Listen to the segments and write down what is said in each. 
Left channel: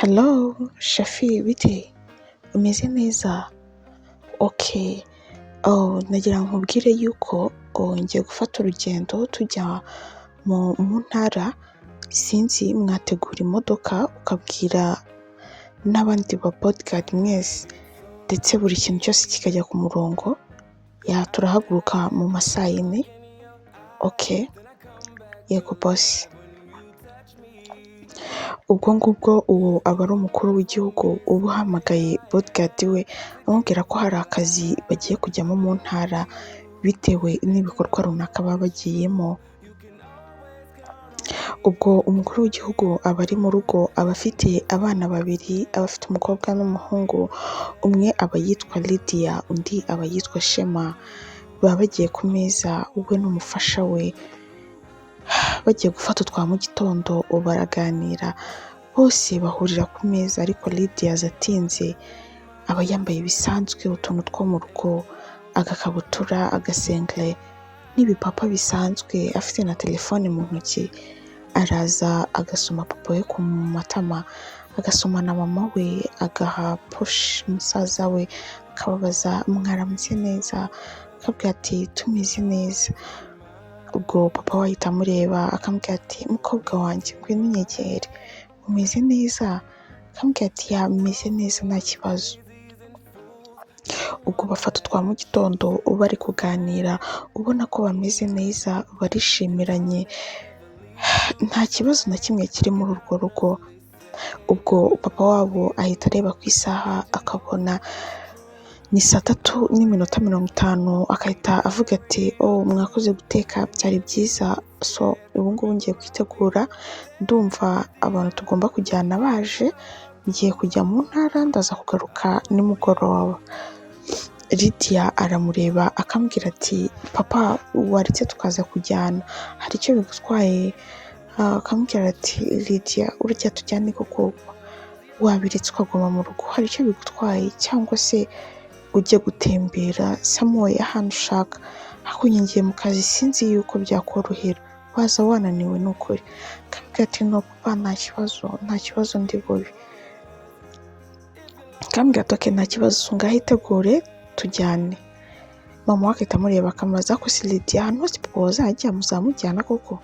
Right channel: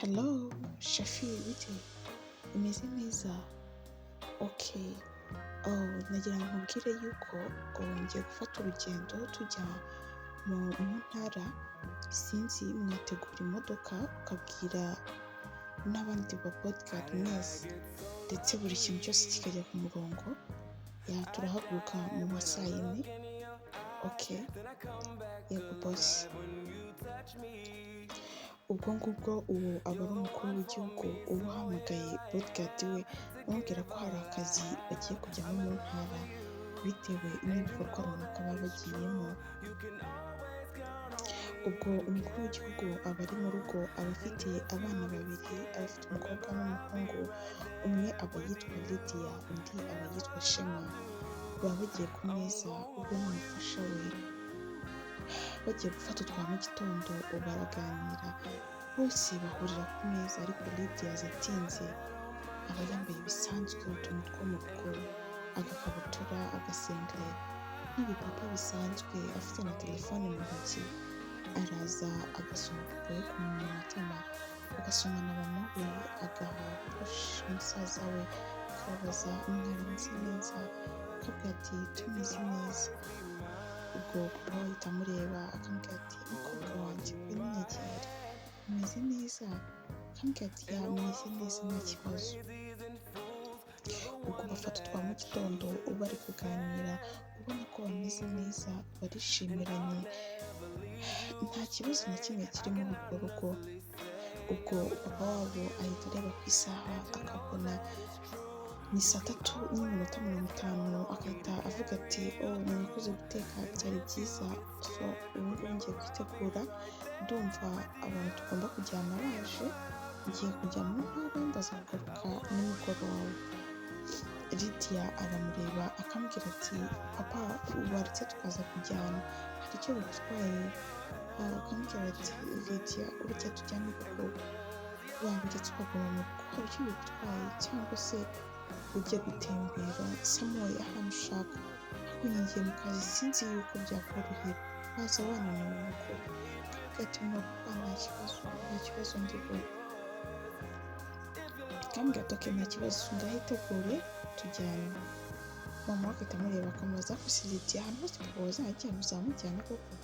Hello, Shafi, bite? Umeze neza? Okay. Nagira ngo nkubwire yuko ngiye gufata urugendo tujya mu ntara, sinzi mwategura imodoka ukabwira n'abandi ba bodyguard mwese ndetse buri kintu cyose kikajya ku murongo, turahaguruka mu ma saa yine. Okay, yego boss. Ubwo ngubwo uwo aba ari umukuru w'igihugu uba uhamagaye bodyguard we amubwira ko hari akazi bagiye kujyamo mu ntara bitewe n'ibikorwa runaka baba bagiyemo. Ubwo umukuru w'igihugu aba ari mu rugo, aba afite abana babiri, aba afite umukobwa n'umuhungu, umwe aba yitwa Lydia, undi aba yitwa Shema. Baba bagiye ku meza we n'umufasha we, bagiye gufata utwa mu gitondo baraganira, bose bahurira ku meza ariko Lydia aza atinze, aba yambaye bisanzwe utuntu two mu rugo, agakabutura, agasengere n'ibipapa bisanzwe, afite na telefone mu ntoki. Araza agasoma papa we ku matama, agasoma na mama we, agaha push musaza we, akababaza mwaramutse neza, akabwira ati tumeze neza. Ubwo papa we ahita amureba akamubwira ati mukobwa wanjye ngwino unyegere, umeze neza? Akamubwira ati meze neza nta kibazo. Ubwo bafata utwa mu gitondo bari kuganira, ubona ko bameze neza, barishimiranye, nta kibazo na kimwe kiri muri urwo rugo. Ubwo papa wabo ahita areba ku isaha akabona ni 3:50, akahita avuga ati mwakoze guteka byari byiza, so ubu ngubu ngiye kwitegura, ndumva abantu tugomba kujyana baje, ngiye kujya mu ntara, ndaza kugaruka nimugoroba. Lydia aramureba akambwira ati papa waretse tukaza kujyana, hari icyo bigutwaye? Akamubwira ati Lydia urya tujyane koko, wabiretse ukaguma mu rugo, hari icyo bigutwaye? Cyangwa se ujye gutembera somewhere ahantu ushaka, ariko ngiye mu kazi sinzi yuko byakorohera, waza wananiwe n'ukuri. Akamubwira ati no papa nta kibazo ndi bubi. Akamubwira ati okay nta kibazo, ngaho itegure tujyane. Mama we akahita amureba akamubaza ko si Lydia ahantu hose papa wazajya muzamujyana koko?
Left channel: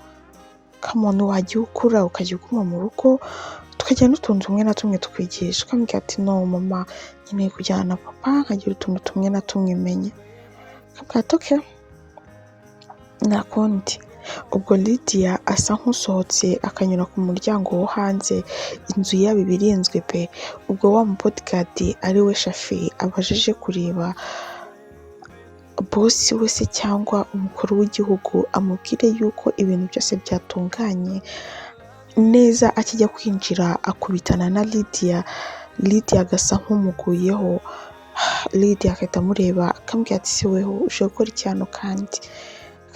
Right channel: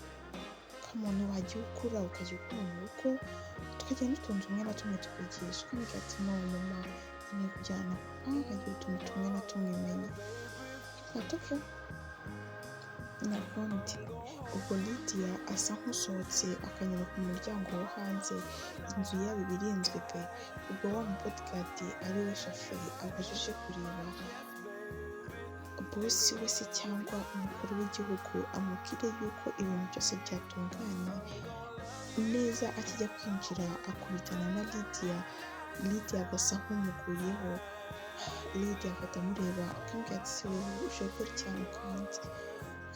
Kamuntu wajya ukura ukajya uguma mu rugo, tukajya n'utuntu tumwe na tumwe tukwigisha. Akamubwira ati no mama, nkeneye kujyana na papa nkagira utuntu tumwe na tumwe menye. Akamubwira ati okay nta kundi. Ubwo Lydia asa nk'usohotse akanyura ku muryango wo hanze, inzu yabo iba irinzwe pe. Ubwo wa bodyguard ari we Shafi abajije kureba bosi we se cyangwa umukuru w'igihugu, amubwire yuko ibintu byose byatunganye neza. Akijya kwinjira akubitana na Lydia agasa nk'umuguyeho. Lydia agahita amureba akamubwira ati se weho uje gukora iki hano kandi?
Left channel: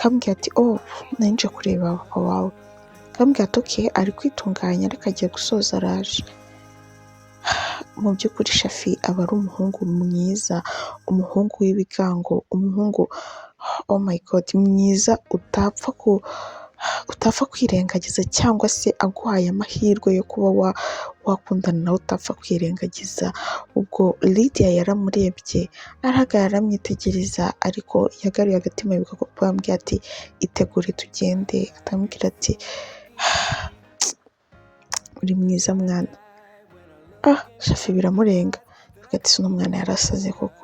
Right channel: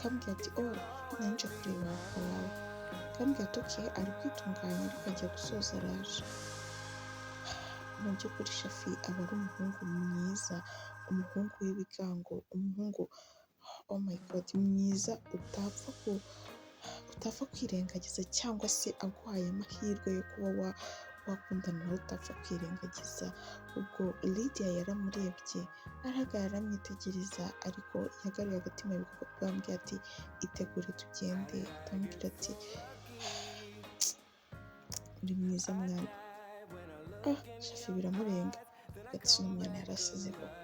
Akamubwira ati nari nje kureba papa wawe. Akamubwira ati okay ari kwitunganya ariko agiye gusoza araje. Mu by'ukuri Shafi aba ari umuhungu mwiza, umuhungu w'ibigango, umuhungu oh my god mwiza, utapfa kwirengagiza, cyangwa se aguhaye amahirwe yo kuba wakundana nawe utapfa kwirengagiza. Ubwo Lydia yaramurebye, arahagarara aramwitegereza, ariko yagaruye agatima yibuka ko papa yambwiye ati itegure tugende. Akamubwira ati uri mwiza mwana. Shafi biramurenga, avuga ati uno mwana yarasaze koko,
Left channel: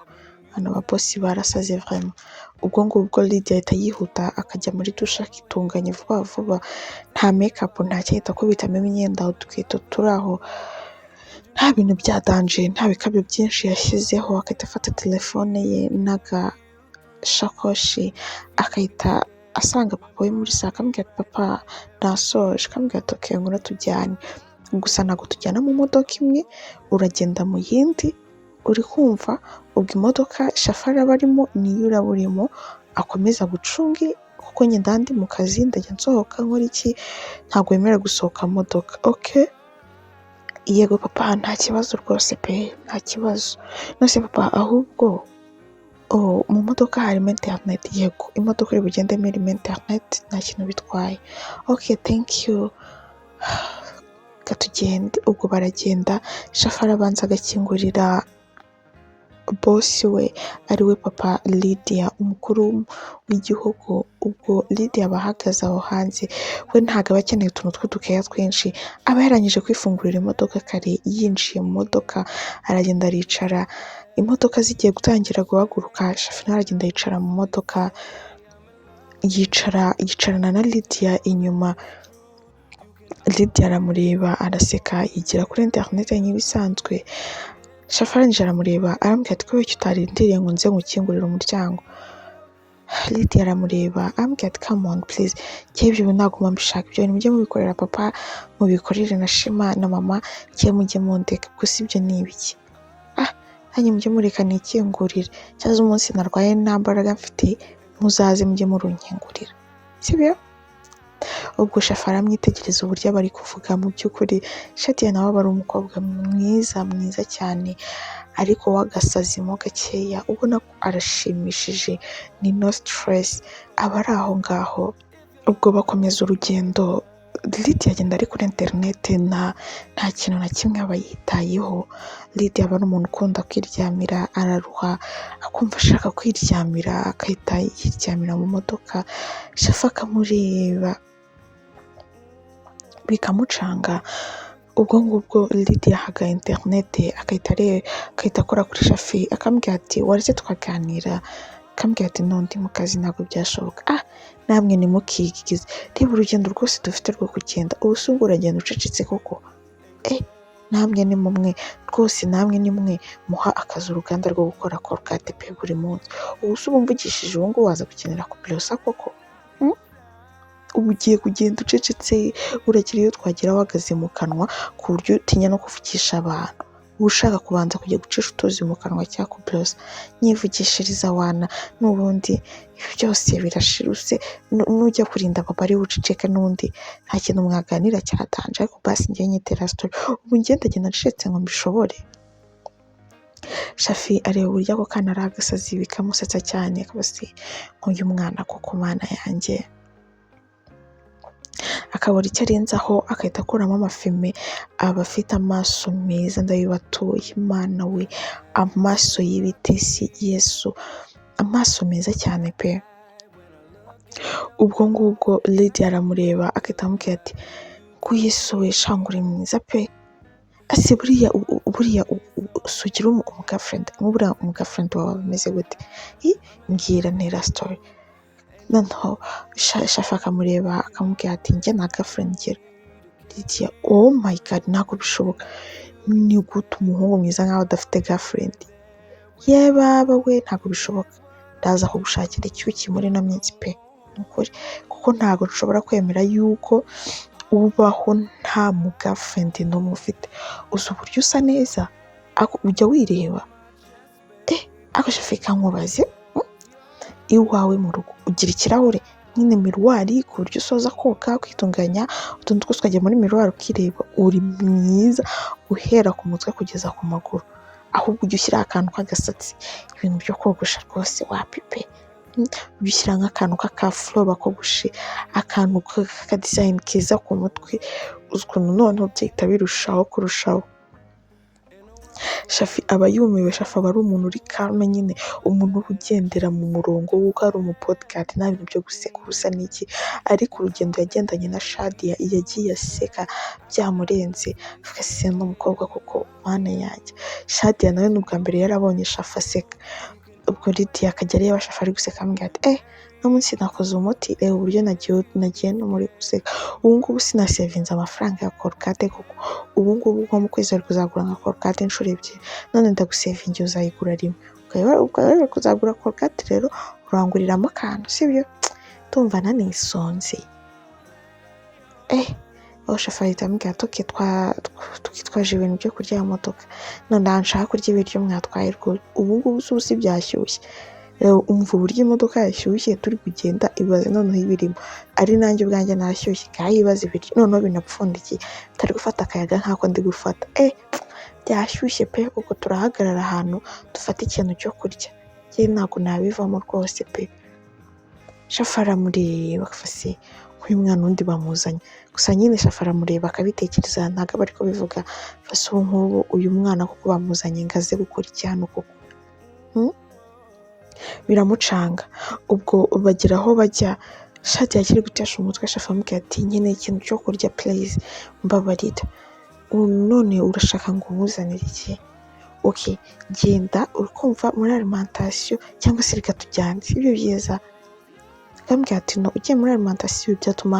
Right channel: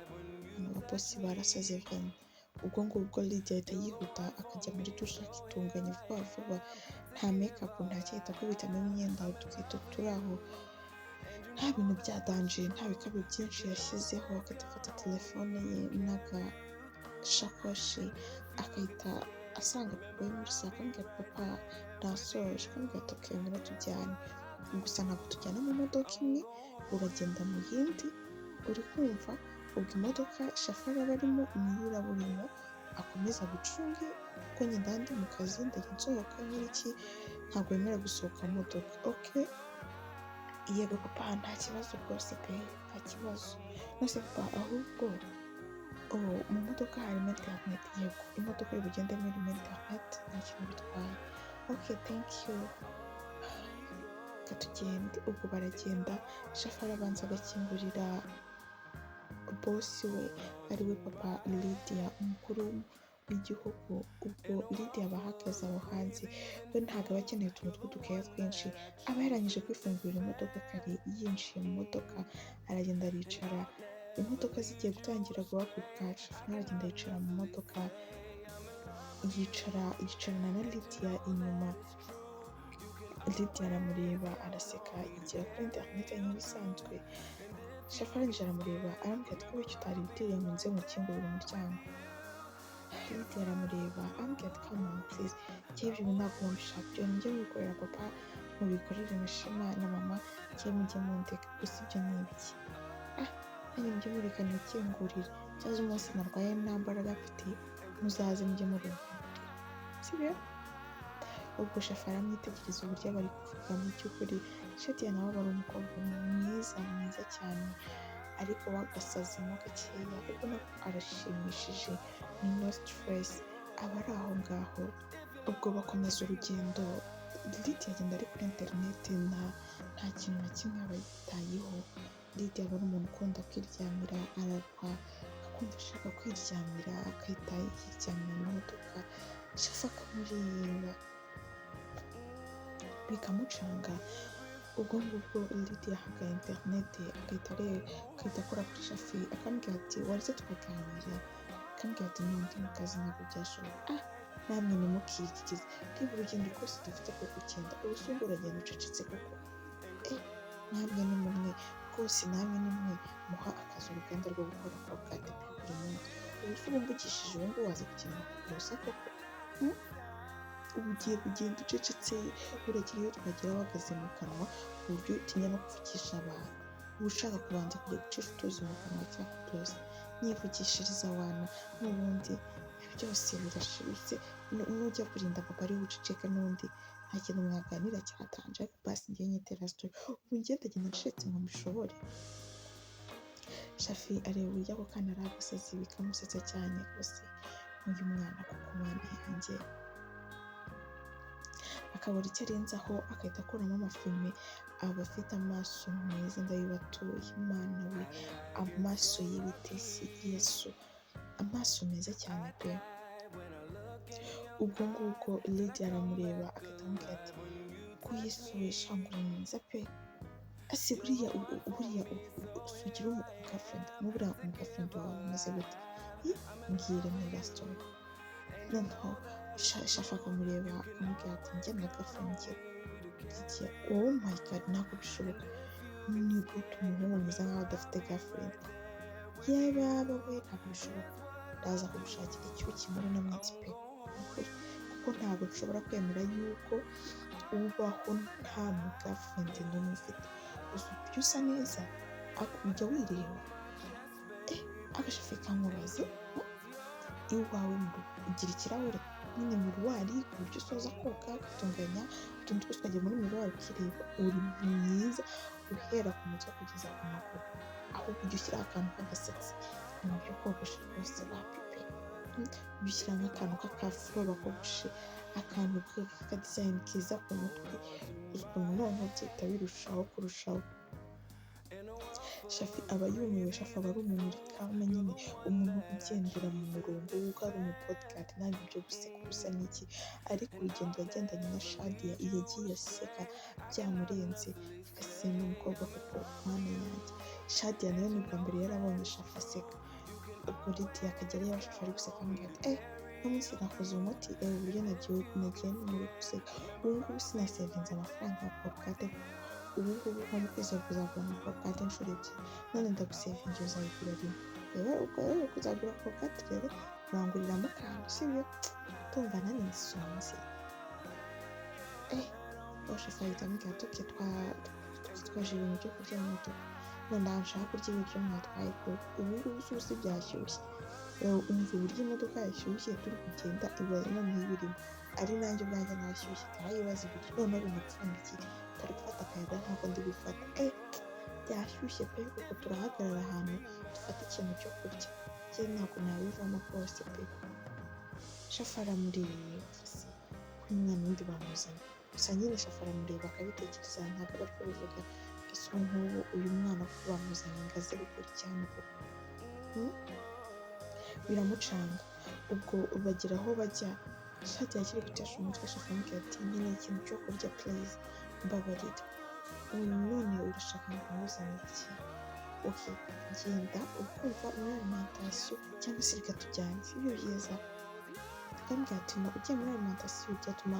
hano ababosi barasaze vraiment. Ubwo ngubwo Lydia ahita yihuta akajya muri dushe akitunganya vuba vuba, nta makeup nta cyahita akubitamo imyenda, udukweto turi aho, nta bintu bya danger, nta bikabyo byinshi yashyizeho. Akahita afata telefone ye n'agashakoshi, akahita asanga papa we muri saa. Akamubwira ati papa nasoje. Akamubwira ati okay ngwino tujyane, gusa ntabwo tujyana mu modoka imwe, uragenda mu yindi, uri kumva? Ubwo imodoka Shafari aba arimo niyo uraba urimo, akomeza gucunge kuko njye ndandi mu kazi, ndajya nsohoka nkora iki, ntabwo wemerewe gusohoka mu modoka. Okay yego papa nta kibazo rwose pe, nta kibazo. Nose papa ahubwo mu modoka harimo internet? Yego imodoka iri bugendemo irimo internet, nta kintu bitwaye. Okay thank you. reka tugende. Ubwo baragenda, shafa arabanza agakingurira bosi we ari we papa Lydia, umukuru w'igihugu. Ubwo Lydia aba ahagaze aho hanze, we ntabwo aba akeneye utuntu tw'udukeya twinshi, aba yarangije kwifungurira imodoka kare. Yinjiye mu modoka aragenda aricara, imodoka zigiye gutangira guhaguruka, shafi nawe aragenda yicara mu modoka, yicarana na Lydia inyuma. Lydia aramureba araseka, yigira kuri interineti nk'ibisanzwe. Shafi arangije aramureba arambwira ati kubera icyo utarindiriye ngo nze ngukingurire umuryango. Lydia aramureba arambwira ati come on please, njyewe ibyo ntabwo mbishaka, ibyo mujye mubikorera papa, mubikorere na Shema na mama, njyewe mujye mundeka, gusa ibyo ni ibiki? Nanjye mujye mureka nikingurire, cyangwa umunsi narwaye nta mbaraga mfite muzaze mujye murunkingurira, sibyo? Ubwo shafi aramwitegereza uburyo aba ari kuvuga. Mu by'ukuri Shadia nawe aba ari umukobwa mwiza cyane, ariko w'agasazimo gakeya, ubona ko arashimishije, ni no stress, aba ari aho ngaho. Ubwo bakomeza urugendo, Lydia agenda ari kuri interineti, nta kintu na kimwe aba yitayeho. Lydia aba ari umuntu ukunda kwiryamira, araruha akumva ashaka kwiryamira, agahita yiryamira mu modoka. Shafi akamureba bikamucanga. Ubwo ngubwo Lydia ahaga interineti, agahita akora kuri Shafi, akambwira ati waretse tukaganira? Akambwira ati no, ndi mu kazi ntabwo byashoboka. Namwe ntimukigize, reba urugendo rwose dufite rwo kugenda, ubu se ubwo uragenda ucecetse koko? Namwe ni mumwe rwose, namwe ni mwe muha akazi uruganda rwo gukora korogate pe buri munsi. Ubu se ubu mvugishije ubu ngubu waza gukenera kubirosa koko? Ubu ugiye kugenda ucecetse, uragira iyo twagera wahagaze mu kanwa ku buryo utinya no kuvugisha abantu. Uba ushaka kubanza kujya gucisha utuzi mu kanwa cyangwa kubirosa? Nyivugishiriza wana, n'ubundi ibi byose birashiruse, nujya kurinda papa ari buceceke, n'undi nta kintu mwaganira cyatanje, ariko basi njye nyitera story. Ubu ngenda agenda ncecetse ngo mbishobore? Shafi areba uburyo ako kana ari agasazi, bikamusetsa cyane. Kabasi nk'uyu mwana koko, mana yanjye. Akabura icyo arenzaho, agahita akuramo amafime. Aba afite amaso meza, ndabibatuye, Imana we, amaso y'ibitesi, Yesu, amaso meza cyane pe. Ubwo ngubwo Lydia aramureba, agahita amubwira ati ko Yesu we, shanga uri mwiza pe. Ase buriya sugira umugafriend, nk'uburiya umugafriend wawe ameze gute? Mbwira ntera story. Noneho Shafi akamureba akamubwira ati njye nta girlfriend ngira. Lydia, oh my god, ntabwo bishoboka. Ni gute umuhungu mwiza nkaho adafite girlfriend? Baba we, ntabwo bishoboka. Ndaza kugushakira icyuki muri ino minsi pe, nukuri, kuko ntabwo nshobora kwemera yuko ubaho nta mu girlfriend n'umwe ufite. Uzi uburyo usa neza, ujya wireba? Ako Shafi kankubaze, iwawe mu rugo ugira ikirahure nyine miruwari, ku buryo usoza koga kwitunganya utuntu twose ukajya muri miruwari ukireba? Uri mwiza uhera ku mutwe kugeza ku maguru, ahubwo ujya ushyiraho akantu k'agasatsi. Ibintu byo kogosha rwose wapi pe. Ujya ushyira nk'akantu k'akafuro bakogoshe, akantu k'akadizayini keza ku mutwe, uzi ukuntu noneho byahita birushaho kurushaho. Shafi aba yumiwe. Shafi aba ari umuntu uri calme nyine, umuntu ugendera mu murongo w'uko ari umupodcast, nta bintu byo guseka ubusa n'iki. Ariko urugendo yagendanye na Shadia, yagiye aseka byamurenze, avuga se n'umukobwa koko, mana yanjye. Shadia nawe ni ubwa mbere yarabonye Shafi aseka. Ubwo Lydia akajya areba Shafi ari guseka, amubwira ati no munsi nakoze umuti, reba uburyo nagiye no muri guseka. Ubu ngubu sinasevinze amafaranga ya korogate koko, ubu ngubu nko mu kwezi ari kuzagura nka korogate inshuro ebyiri, none ndagusevingiye uzayigura rimwe. Ukaba kuzagura korogate rero uranguriramo akantu, sibyo? Tumva nanisonze. Shafi ahita amubwira ati twitwaje ibintu byo kurya mu modoka, none nshaka kurya ibiryo mwatwaye rwose. Ubu ngubu si byashyushye, umva uburyo imodoka yashyushye turi kugenda, ibaze noneho ibirimo. Ari nanjye ubwanjye nashyushye, ibaze ibiryo noneho binapfundikiye, utari gufata akayaga nk'ako ndi gufata. Byashyushye pe, kuko turahagarara ahantu dufata ikintu cyo kurya. Njye ntabwo nabivamo rwose pe. Shafi aramureba, uyu mwana wundi bamuzanye gusa nyine Shafa aramureba akabitekereza ntabwo aba ariko bivuga fase ubu nk'ubu uyu mwana kuko bamuzanye ngo aze gukora iki hano koko biramucanga. Ubwo bagera aho bajya Shadiya akiri gutesha umutwe Shafa amubwira ati nkeneye ikintu cyo kurya please mbabarira, none urashaka ngo nkuzanire iki? Okay, genda ukumva muri alimentation cyangwa se reka tujyane, sibyo byiza? Akambwira ati no, ugiye muri alimentation byatuma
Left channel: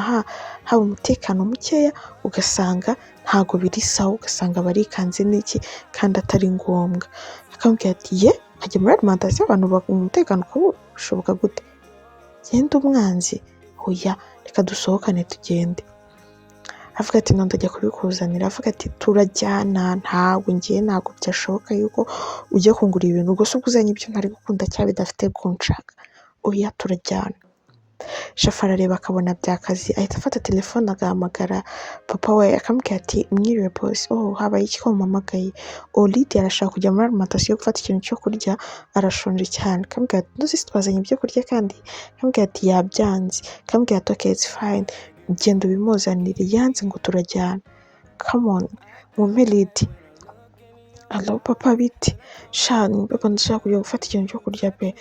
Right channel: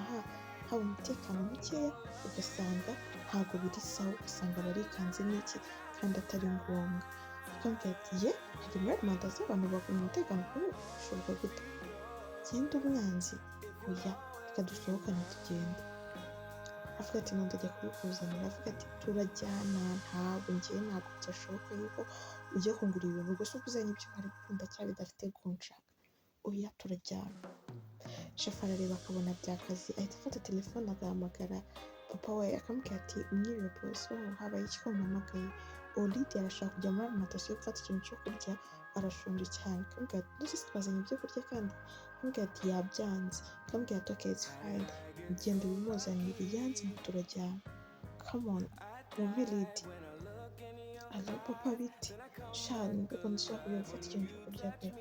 haba umutekano mukeya, ugasanga ntago biri sawa, ugasanga barikanze n'iki kandi atari ngombwa. Akambwira ati ye nkajya muri alimentation abantu bakunda umutekano kuba bishoboka gute? Genda umwanzi, oya reka dusohokane tugende. Avuga ati none ndajya kubikuzanira, avuga ati turajyana, ntabwo byashoboka yuko ujya kungura ibintu ubwo se uzanye ibyo ntari gukunda cyangwa bidafite kunshaka, oya turajyana. Shafa arareba akabona byakazi, ahita afata telefone agahamagara papa we akamubwira ati mwiriwe boss, habaye iki ko mumpamagaye? Lydia arashaka kujya muri alimentation gufata ikintu cyo kurya, arashonje cyane. Akamubwira ati ntuzi twazanye ibyo kurya kandi? Akamubwira ati yabyanze. Akamubwira ati okay it's fine, genda ubimuzanire, yanze ngo turajyana. Come on mumpe Lydia. Hello papa biti? Shani papa ndashaka kujya gufata ikintu cyo kurya pe.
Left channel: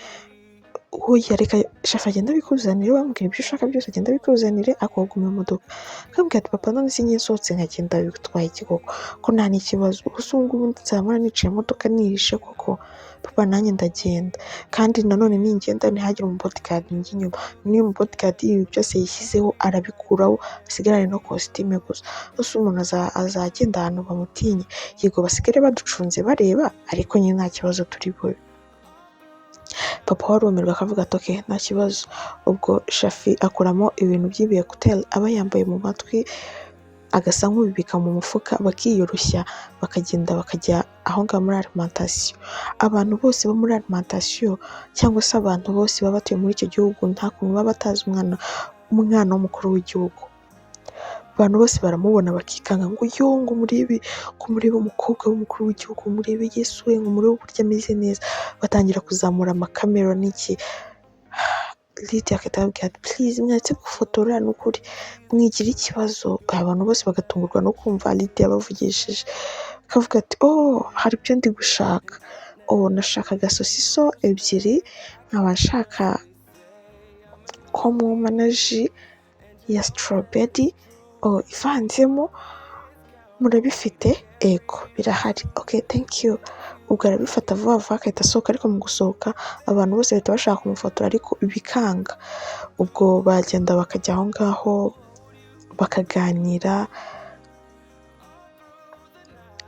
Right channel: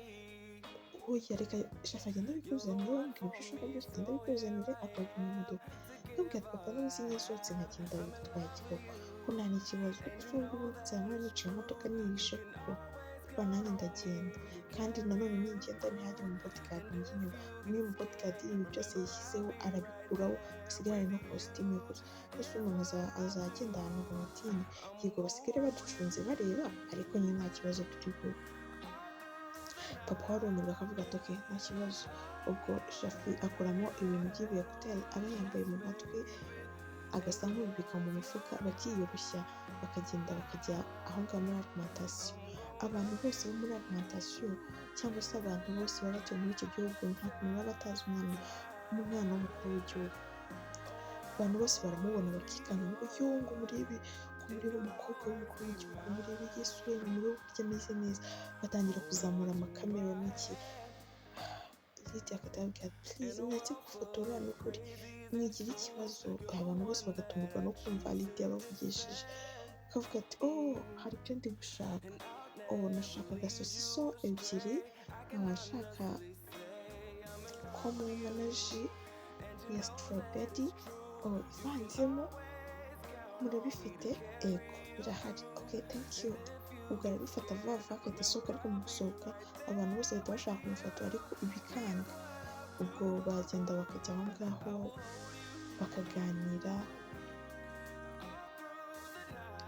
Oya reka Shafa agenda abikuzanire, wambwira ibyo ushaka byose agenda abikuzanire akoguma mu modoka. Akambwira ati papa none sinjye nsohotse nkagenda bitwaye iki koko ko nta n'ikibazo, gusa ubu ngubu nzamara niciye imodoka nihishe koko papa nanjye ndagenda, kandi nanone ningenda ntihagire umubodyguard njye inyuma, niyo umubodyguard ibi byose yishyizeho arabikuraho asigarane no costume gusa. Gusa umuntu azagenda ahantu bamutinye, yego basigare baducunze bareba ariko nyine nta kibazo turi bube. Papa warumirwa akavuga ati okay nta kibazo. Ubwo Shafi akuramo ibintu by'ibiye kuteri aba yambaye mu matwi, agasa nk'ubibika mu mufuka, bakiyoroshya bakagenda bakajya aho ngaho muri alimentation. Abantu bose bo muri alimentation cyangwa se abantu bose baba batuye muri icyo gihugu nta kuntu baba batazi umwana w'umukuru w'igihugu. Abantu bose baramubona bakikanga ngo ngo murebe umukobwa w'umukuru w'igihugu, murebe Yesu we, ngo murebe uburyo ameze neza, batangira kuzamura amakamera n'iki. Lydia akahita ababwira ati please mwatse gufotora n'ukuri mwigira ikibazo. Abantu bose bagatungurwa no kumva Lydia bavugishije, akavuga ati hari ibyo ndi gushaka, nashakaga sosiso ebyiri, nkaba nshaka ko mumpa na ji ya strawberry ivanzemo, murabifite? Ego birahari. Okay thank you. Ubwo arabifata vuba vuba akahita asohoka, ariko mu gusohoka abantu bose bahita bashaka kumufotora ariko bikanga. Ubwo bagenda bakajya aho ngaho bakaganira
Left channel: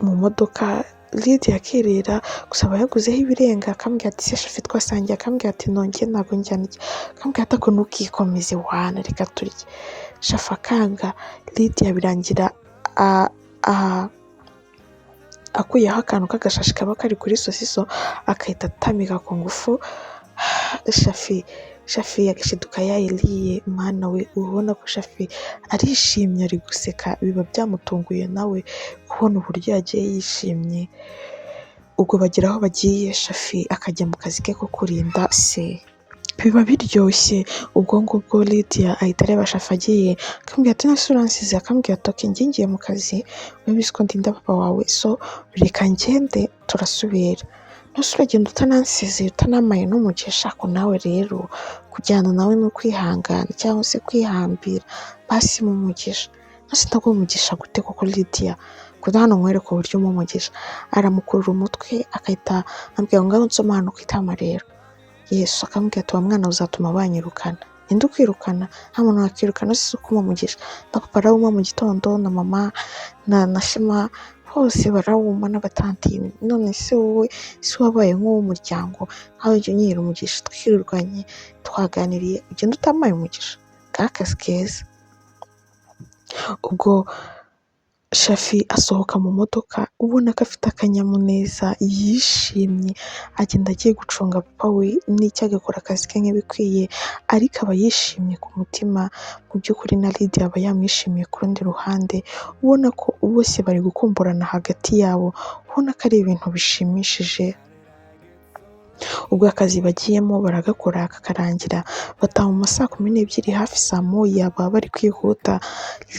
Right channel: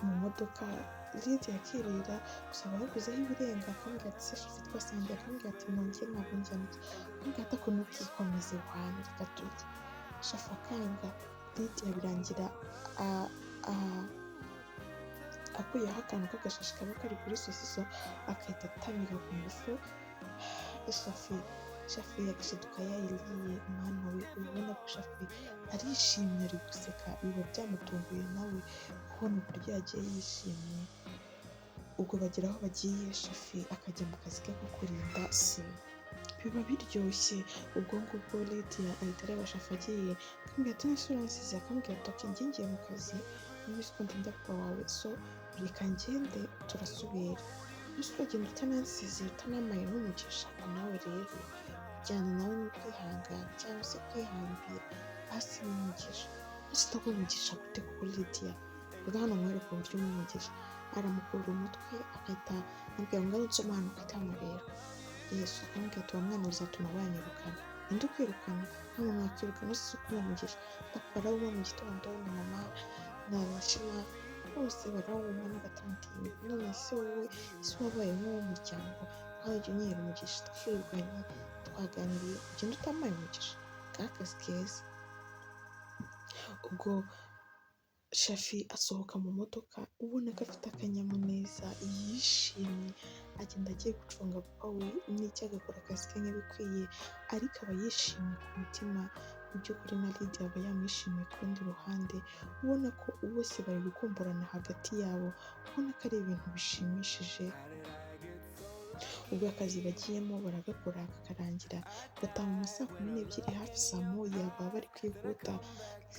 mu modoka, Lydia akirira gusa aba yaguzeho ibirenga. Akambwira ati se Shafi twasangiye? Akambwira ati nongeye ntabwo njyana iki. Akambwira ati ako ntukikomeze wana reka turye. Shafi akanga, Lydia birangira akuyeho akantu k'agashashi kaba kari kuri sosiso akahita atamika ku ngufu. Shafi yagashiduka yayiriye, mwana we ubona ko Shafi arishimye ari guseka, biba byamutunguye nawe kubona uburyo yagiye yishimye. Ubwo bagera aho bagiye Shafi akajya mu kazi ke ko kurinda se, biba biryoshye. Ubwo ngubwo Lydia ahita areba Shafi agiye, akambwira ati nase uransize? Akambwira ati okay njye ngiye mu kazi, ubizi ko ndinda papa wawe, so reka ngende turasubira. Nase uragenda utanansize utanamaye n'umugisha? Ko nawe rero kujyana nawe ni ukwihangana cyangwa se kwihambira, basi mu mugisha. Nase ndaguha umugisha gute koko Lydia? kuko hano nkwereka uburyo umugisha. Aramukurura umutwe akahita ambwira ngo ngaho nsoma hano ku itama rero. Yesu akambwira ati wa mwana uzatuma banyirukana. Ninde ukwirukana? Nta muntu wakwirukana si uko umumugisha. Na papa arawuma mu gitondo, na mama na Shema bose barawuma, n'abatantini. None se wowe si wabaye nk'uw'umuryango, aho ujya unyira umugisha twirirwanye twaganiriye ugenda utamaye umugisha? Kakazi keza. Ubwo Shafi asohoka mu modoka ubona ko afite akanyamuneza, yishimye, agenda agiye gucunga papa we n'icyo agakora akazi ke nk'ibikwiye, ariko aba yishimye ku mutima. Mu by'ukuri na Lydia aba yamwishimiye ku rundi ruhande, ubona ko bose bari gukumburana hagati yabo, ubona ko ari ibintu bishimishije. ubwo akazi bagiyemo baragakora kakarangira, bataha mu ma saa 12 hafi saa moya baba bari kwihuta,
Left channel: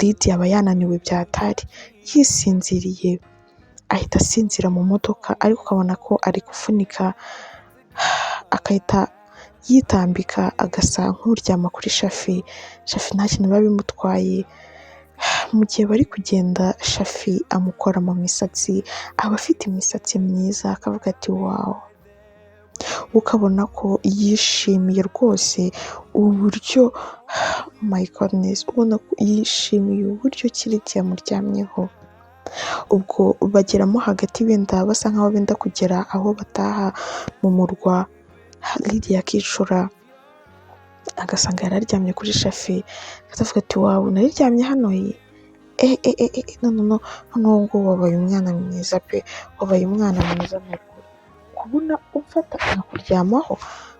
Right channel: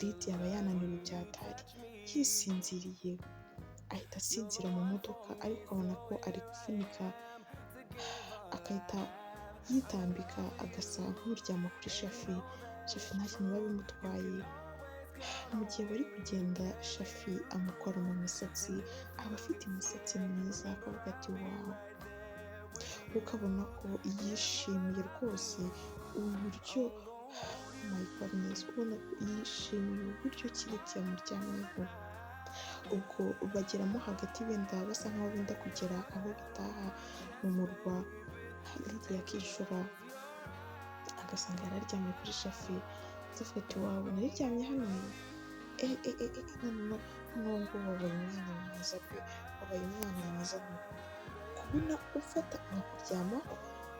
Lydia aba yananiwe byatari, yisinziriye ahita asinzira mu modoka, ariko ukabona ko ari gufunika, agahita yitambika agasa nk'uryama kuri Shafi. Shafi nta kintu biba bimutwaye. Mu gihe bari kugenda Shafi amukora mu misatsi, aba afite imisatsi myiza, akavuga ati wawu, ukabona ko yishimiye rwose uburyo my goodness, ubona ko yishimiye uburyo Lydia amuryamyeho. Ubwo bageramo hagati benda basa nkaho benda kugera aho bataha mu murwa, Lydia akicura agasanga yararyamye kuri Shafi, akavuga ati wawu, nariryamye hano no ngo wabaye umwana mwiza pe, wabaye umwana mwiza kubona ufata akakuryamaho.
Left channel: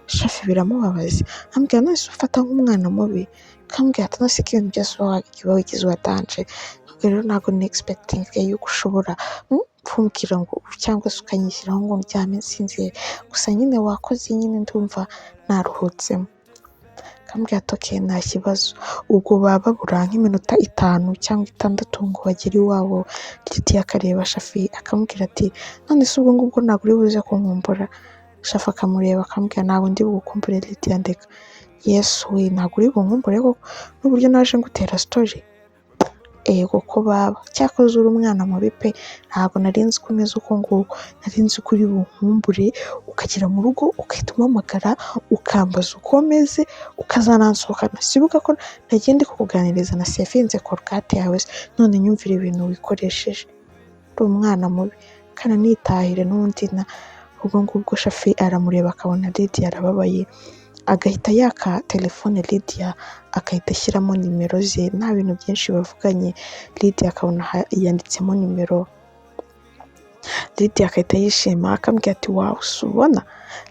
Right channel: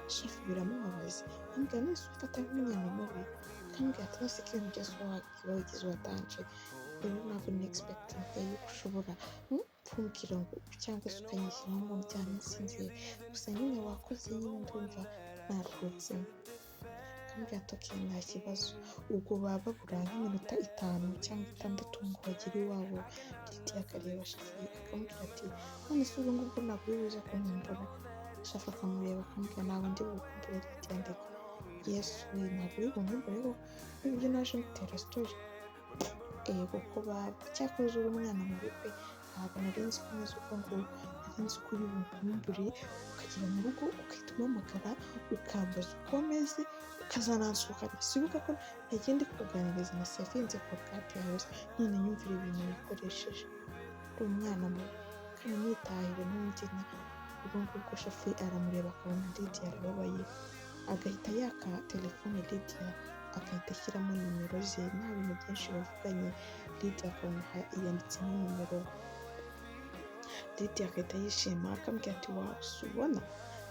Shafi biramubabaza, ambwira none se ufata nk'umwana mubi, kambwira ati none se ko ibintu byose uba wigize uwadanje, rero ntabwo ni expecting yuko ushobora kumbwira ngo cyangwa se ukanyishyiraho ngo ndyame nsinzire, gusa nyine wakoze, nyine ndumva naruhutsemo. Kambwira ati okay, nta kibazo. Ubwo baba babura nk'iminota 5 cyangwa 6 ngo bagere iwabo, Lydia akareba Shafi akamubwira ati none se ubwo ngubwo ntabwo uri buze kunkumbura? Shafi akamureba akamubwira ntabwo ndi bukumbure Lydia, ndeka. Yesu we, ntabwo uri bunkumbure koko n'uburyo naje ngutera story? Kuko baba cyakoze uri umwana mubi pe, ntabwo nari nzi ko umeze uko nguko, nari nzi ko uri bunkumbure ukagera mu rugo ugahita umpamagara ukambaza uko meze ukazanansohokana. Sibuka ko nagiye ndi kukuganiriza na sefinze korogate yawe, none nyumvira ibintu wikoresheje, uri umwana mubi, kana nitahire n'undi. Ubwo ngubwo Shafi aramureba akabona Lydia arababaye, agahita yaka telefone Lydia, agahita ashyiramo nimero ze, nta bintu byinshi bavuganye, Lydia akabona yanditsemo nimero. Lydia agahita yishima akambwira ati wawu, subona.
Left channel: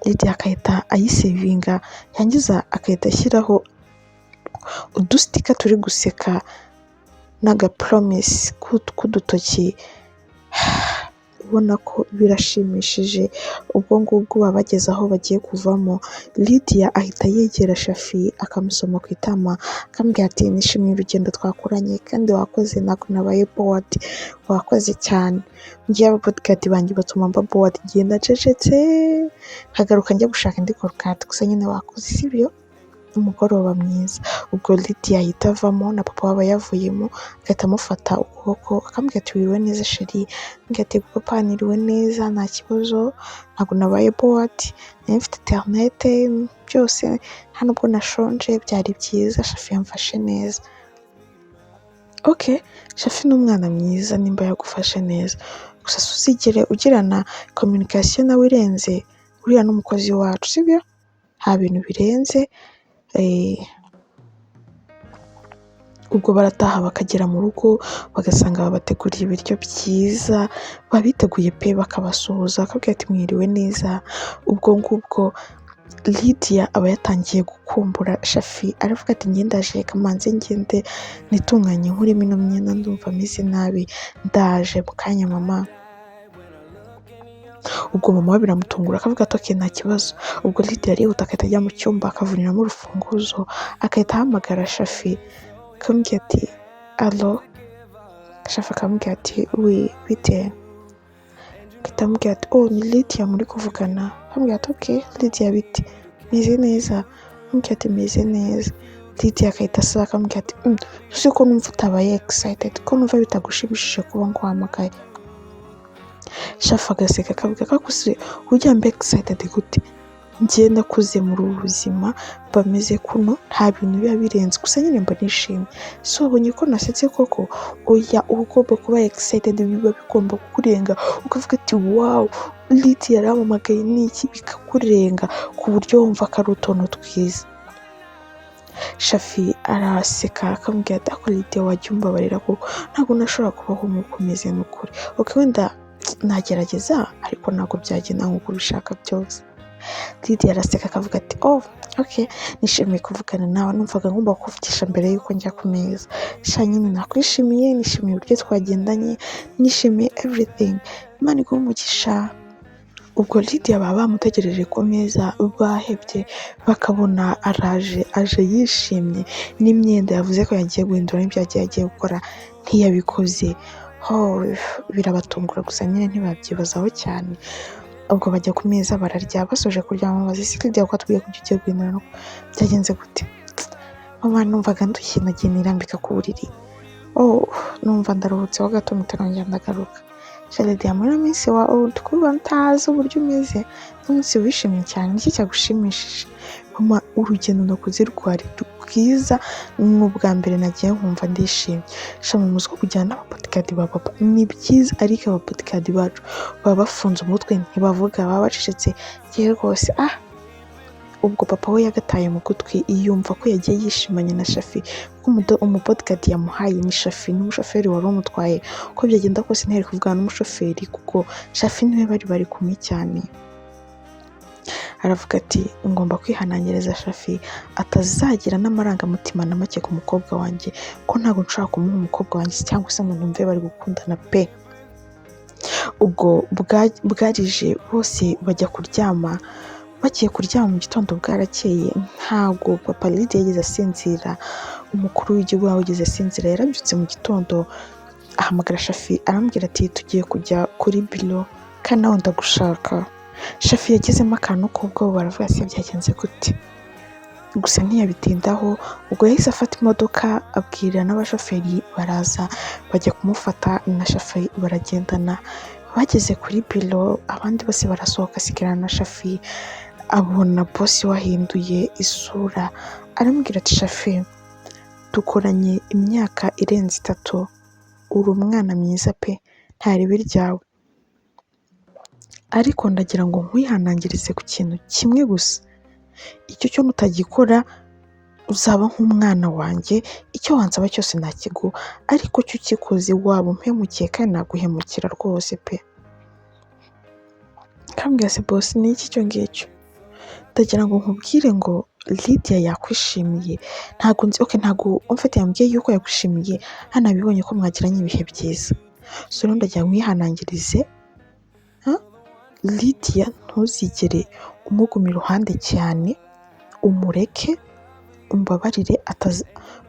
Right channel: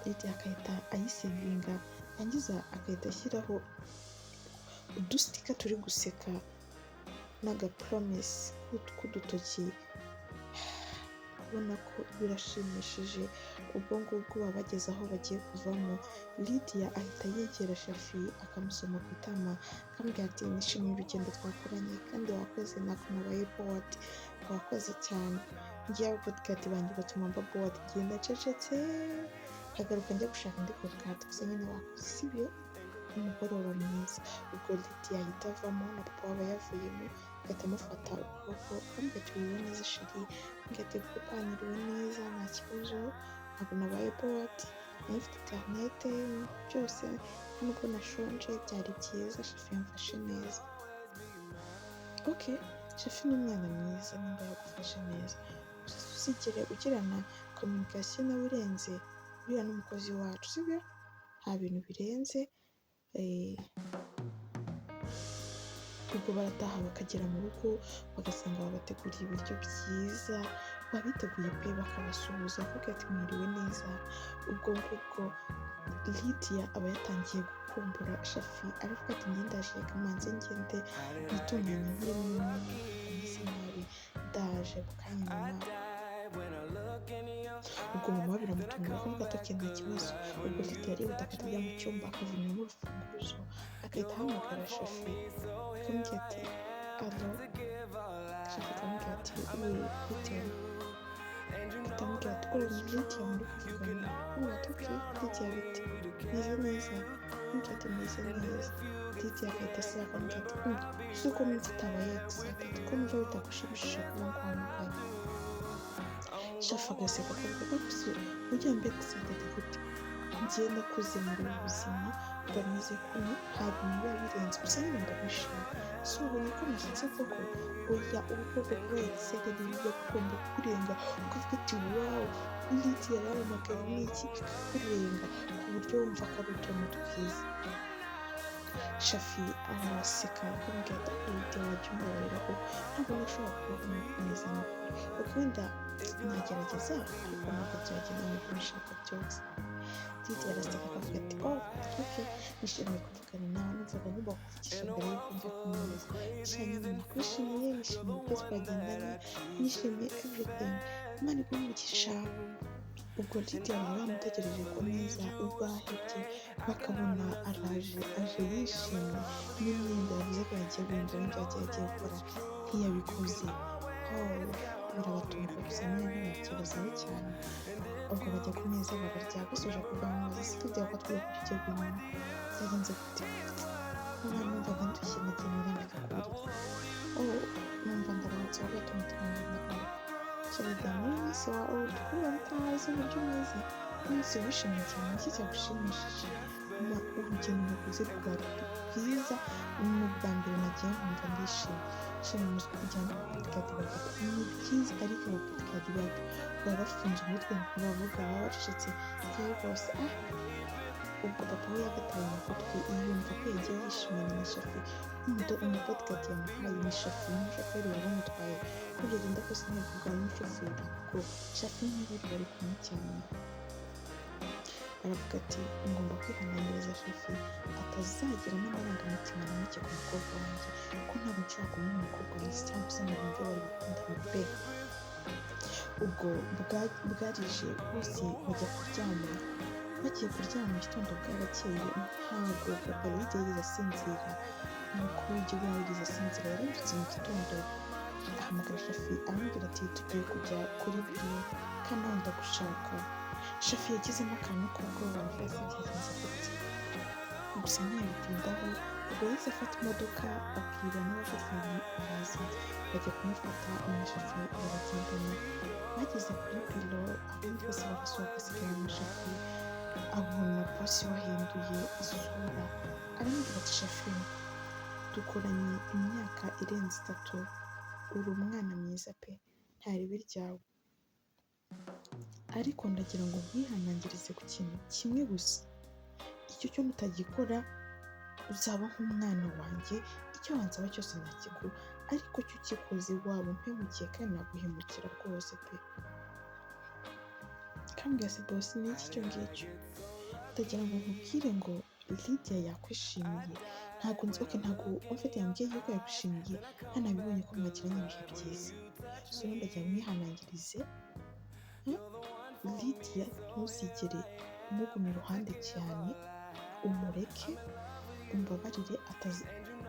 Lydia agahita ayisevinga, yangiza agahita ashyiraho udustika turi guseka n'agapromise k'udutoki. Ubona ko birashimishije. Ubwo ngubwo baba bageze aho bagiye kuvamo, Lydia ahita yegera Shafi akamusoma ku itama, akambwira ati nishimiye urugendo twakoranye kandi wakoze, ntabwo nabaye bored, wakoze cyane. Ngiye ababodyguard banjye batuma mba bored, ngenda ncecetse nkagaruka njya gushaka indi korogate, gusa nyine wakoze, sibyo? Umugoroba mwiza. Ubwo Lydia ahita avamo na papa waba yavuyemo, agahita amufata ukuboko akambwira ati wiriwe neza sheri, ambwira ati papa niriwe neza nta kibazo, ntabwo nabaye bored, nari mfite internet byose, nta nubwo nashonje, byari byiza, Shafi yamfashe neza. Okay, Shafi ni umwana mwiza nimba yagufashe neza, gusa uzigere ugirana communication nawe irenze, uriya n'umukozi wacu, sibyo? Nta bintu birenze. Ubwo barataha bakagera mu rugo bagasanga babateguriye ibiryo byiza, babiteguye pe, bakabasuhuza bakabwira ati mwiriwe neza. Ubwo ngubwo Lydia aba yatangiye gukumbura Shafi, aravuga ati ndaje, reka manze ngende nitunganye nkurimo ino myenda, ndumva ameze nabi, ndaje mu kanya mama. Ubwo mama we biramutungura akavuga ati okay, nta kibazo. Ubwo Lydia arihuta agahita ajya mu cyumba akavuriramo urufunguzo, agahita ahamagara Shafi akamubwira ati allo. Shafi akamubwira ati oui bite? Agahita amubwira ati oh, ni Lydia muri kuvugana. Akamubwira ati okay Lydia bite, meze neza? Akamubwira ati meze neza. Lydia agahita asaba akamubwira ati uzi ko numva utabaye excited, ko numva bitagushimishije kuba nguhamagaye. Shafi agaseka akavuga ko akuse ujya mbe excited gute, njye nakuze muri ubu buzima bameze kuno, nta bintu biba birenze, gusa nyine mba nishimye. So wabonye ko nasetse koko? Oya, uba ugomba kuba excited, biba bigomba kukurenga ukavuga ati wow, Lydia yaramamagaye n'iki, bikakurenga ku buryo wumva ko ari utuntu twiza. Shafi araseka akamubwira ati ako Lydia wajya umbabarira kuko ntabwo nashobora kubaho nk'uko umeze n'ukuri. Okay, wenda nagerageza ariko ntabwo byagenda nk'uko ubishaka byose. Lydia araseka akavuga ati oh okay, nishimiye kuvugana nawe, numvaga ngomba kuvugisha mbere yuko njya ku meza. Sha nyine nakwishimiye, nishimiye uburyo twagendanye, nishimiye everything, Imana iguhe umugisha. ubwo Lydia baba bamutegereje ku meza bahebye, bakabona aje yishimye n'imyenda yavuze ko yagiye guhindura n'ibyo yagiye gukora ntiyabikoze. Birabatungura gusa nyine ntibabyibazaho cyane. Ubwo bajya ku meza bararya, basoje kurya bamubaza ese Lydia ko atubwiye ko ugiye guhindura byagenze gute? Mama numvaga ndushye nagiye nirambika ku buriri. Numva ndaruhutseho gato mutarongera ndagaruka. Lydia muri minsi kuba ntazi uburyo umeze n'umunsi wishimye cyane, iki cyagushimishije? Mama urugendo nakoze rwari rwiza, ni ubwa mbere nagiye nkumva ndishimye. Shama muzi ko kujyana n'ababodyguard ba papa ni byiza, ariko ababodyguard bacu baba bafunze umutwe ntibavuga, baba bacecetse. Yewe rwose ubwo papa we yagataye mu gutwi, yumva ko yagiye yishimanye na Shafi kuko umubodyguard yamuhaye ni Shafi n'umushoferi wari umutwaye. Uko byagenda kose ntiyari kuvugana n'umushoferi kuko Shafi niwe bari kumwe cyane. Aravuga ati ngomba kwihanangiriza Shafi atazagira n'amarangamutima na make ku mukobwa wanjye, ko ntabwo nshobora kumuha umukobwa wanjye cyangwa se ngo numve bari gukundana pe. Ubwo bwarije bose bajya kuryama. Bagiye kuryama mu gitondo bwarakeye, ntabwo papa Lydia yigeze asinzira, umukuru w'igihugu nawe yigeze asinzira. Yarabyutse mu gitondo ahamagara Shafi arambwira ati tugiye kujya kuri biro kandi nawe ndagushaka. Shafi yagezemo akantu k'ubwoba, baravuga ati byagenze gute? Gusa ntiyabitindaho, ubwo yahise afata imodoka abwira n'abashoferi baraza bajya kumufata na Shafi baragendana. Bageze kuri biro abandi bose barasohoka, asigarana na Shafi. Abona bosi wahinduye isura, arambwira ati Shafi dukoranye imyaka irenze 3, uri umwana mwiza pe, ntaribi ryawe, ariko ndagira ngo nkwihanangirize ku kintu kimwe gusa. Icyo cyo nutagikora uzaba nk'umwana wanjye, icyo wansaba cyose nakiguha, ariko cyo ukikoze waba umpemukiye kandi naguhemukira rwose pe. Kambwira se bosi ni iki cyo ngicyo? Ndagira ngo nkubwire ngo Lydia yakwishimiye, ntabwo nzi ntabwo umfite yambwiye yuko yakwishimiye, hanabibonye ko mwagiranye ibihe byiza. So rero ndagira ngo mwihanangirize Lydia ntuzigere umuguma iruhande cyane, umureke, umbabarire,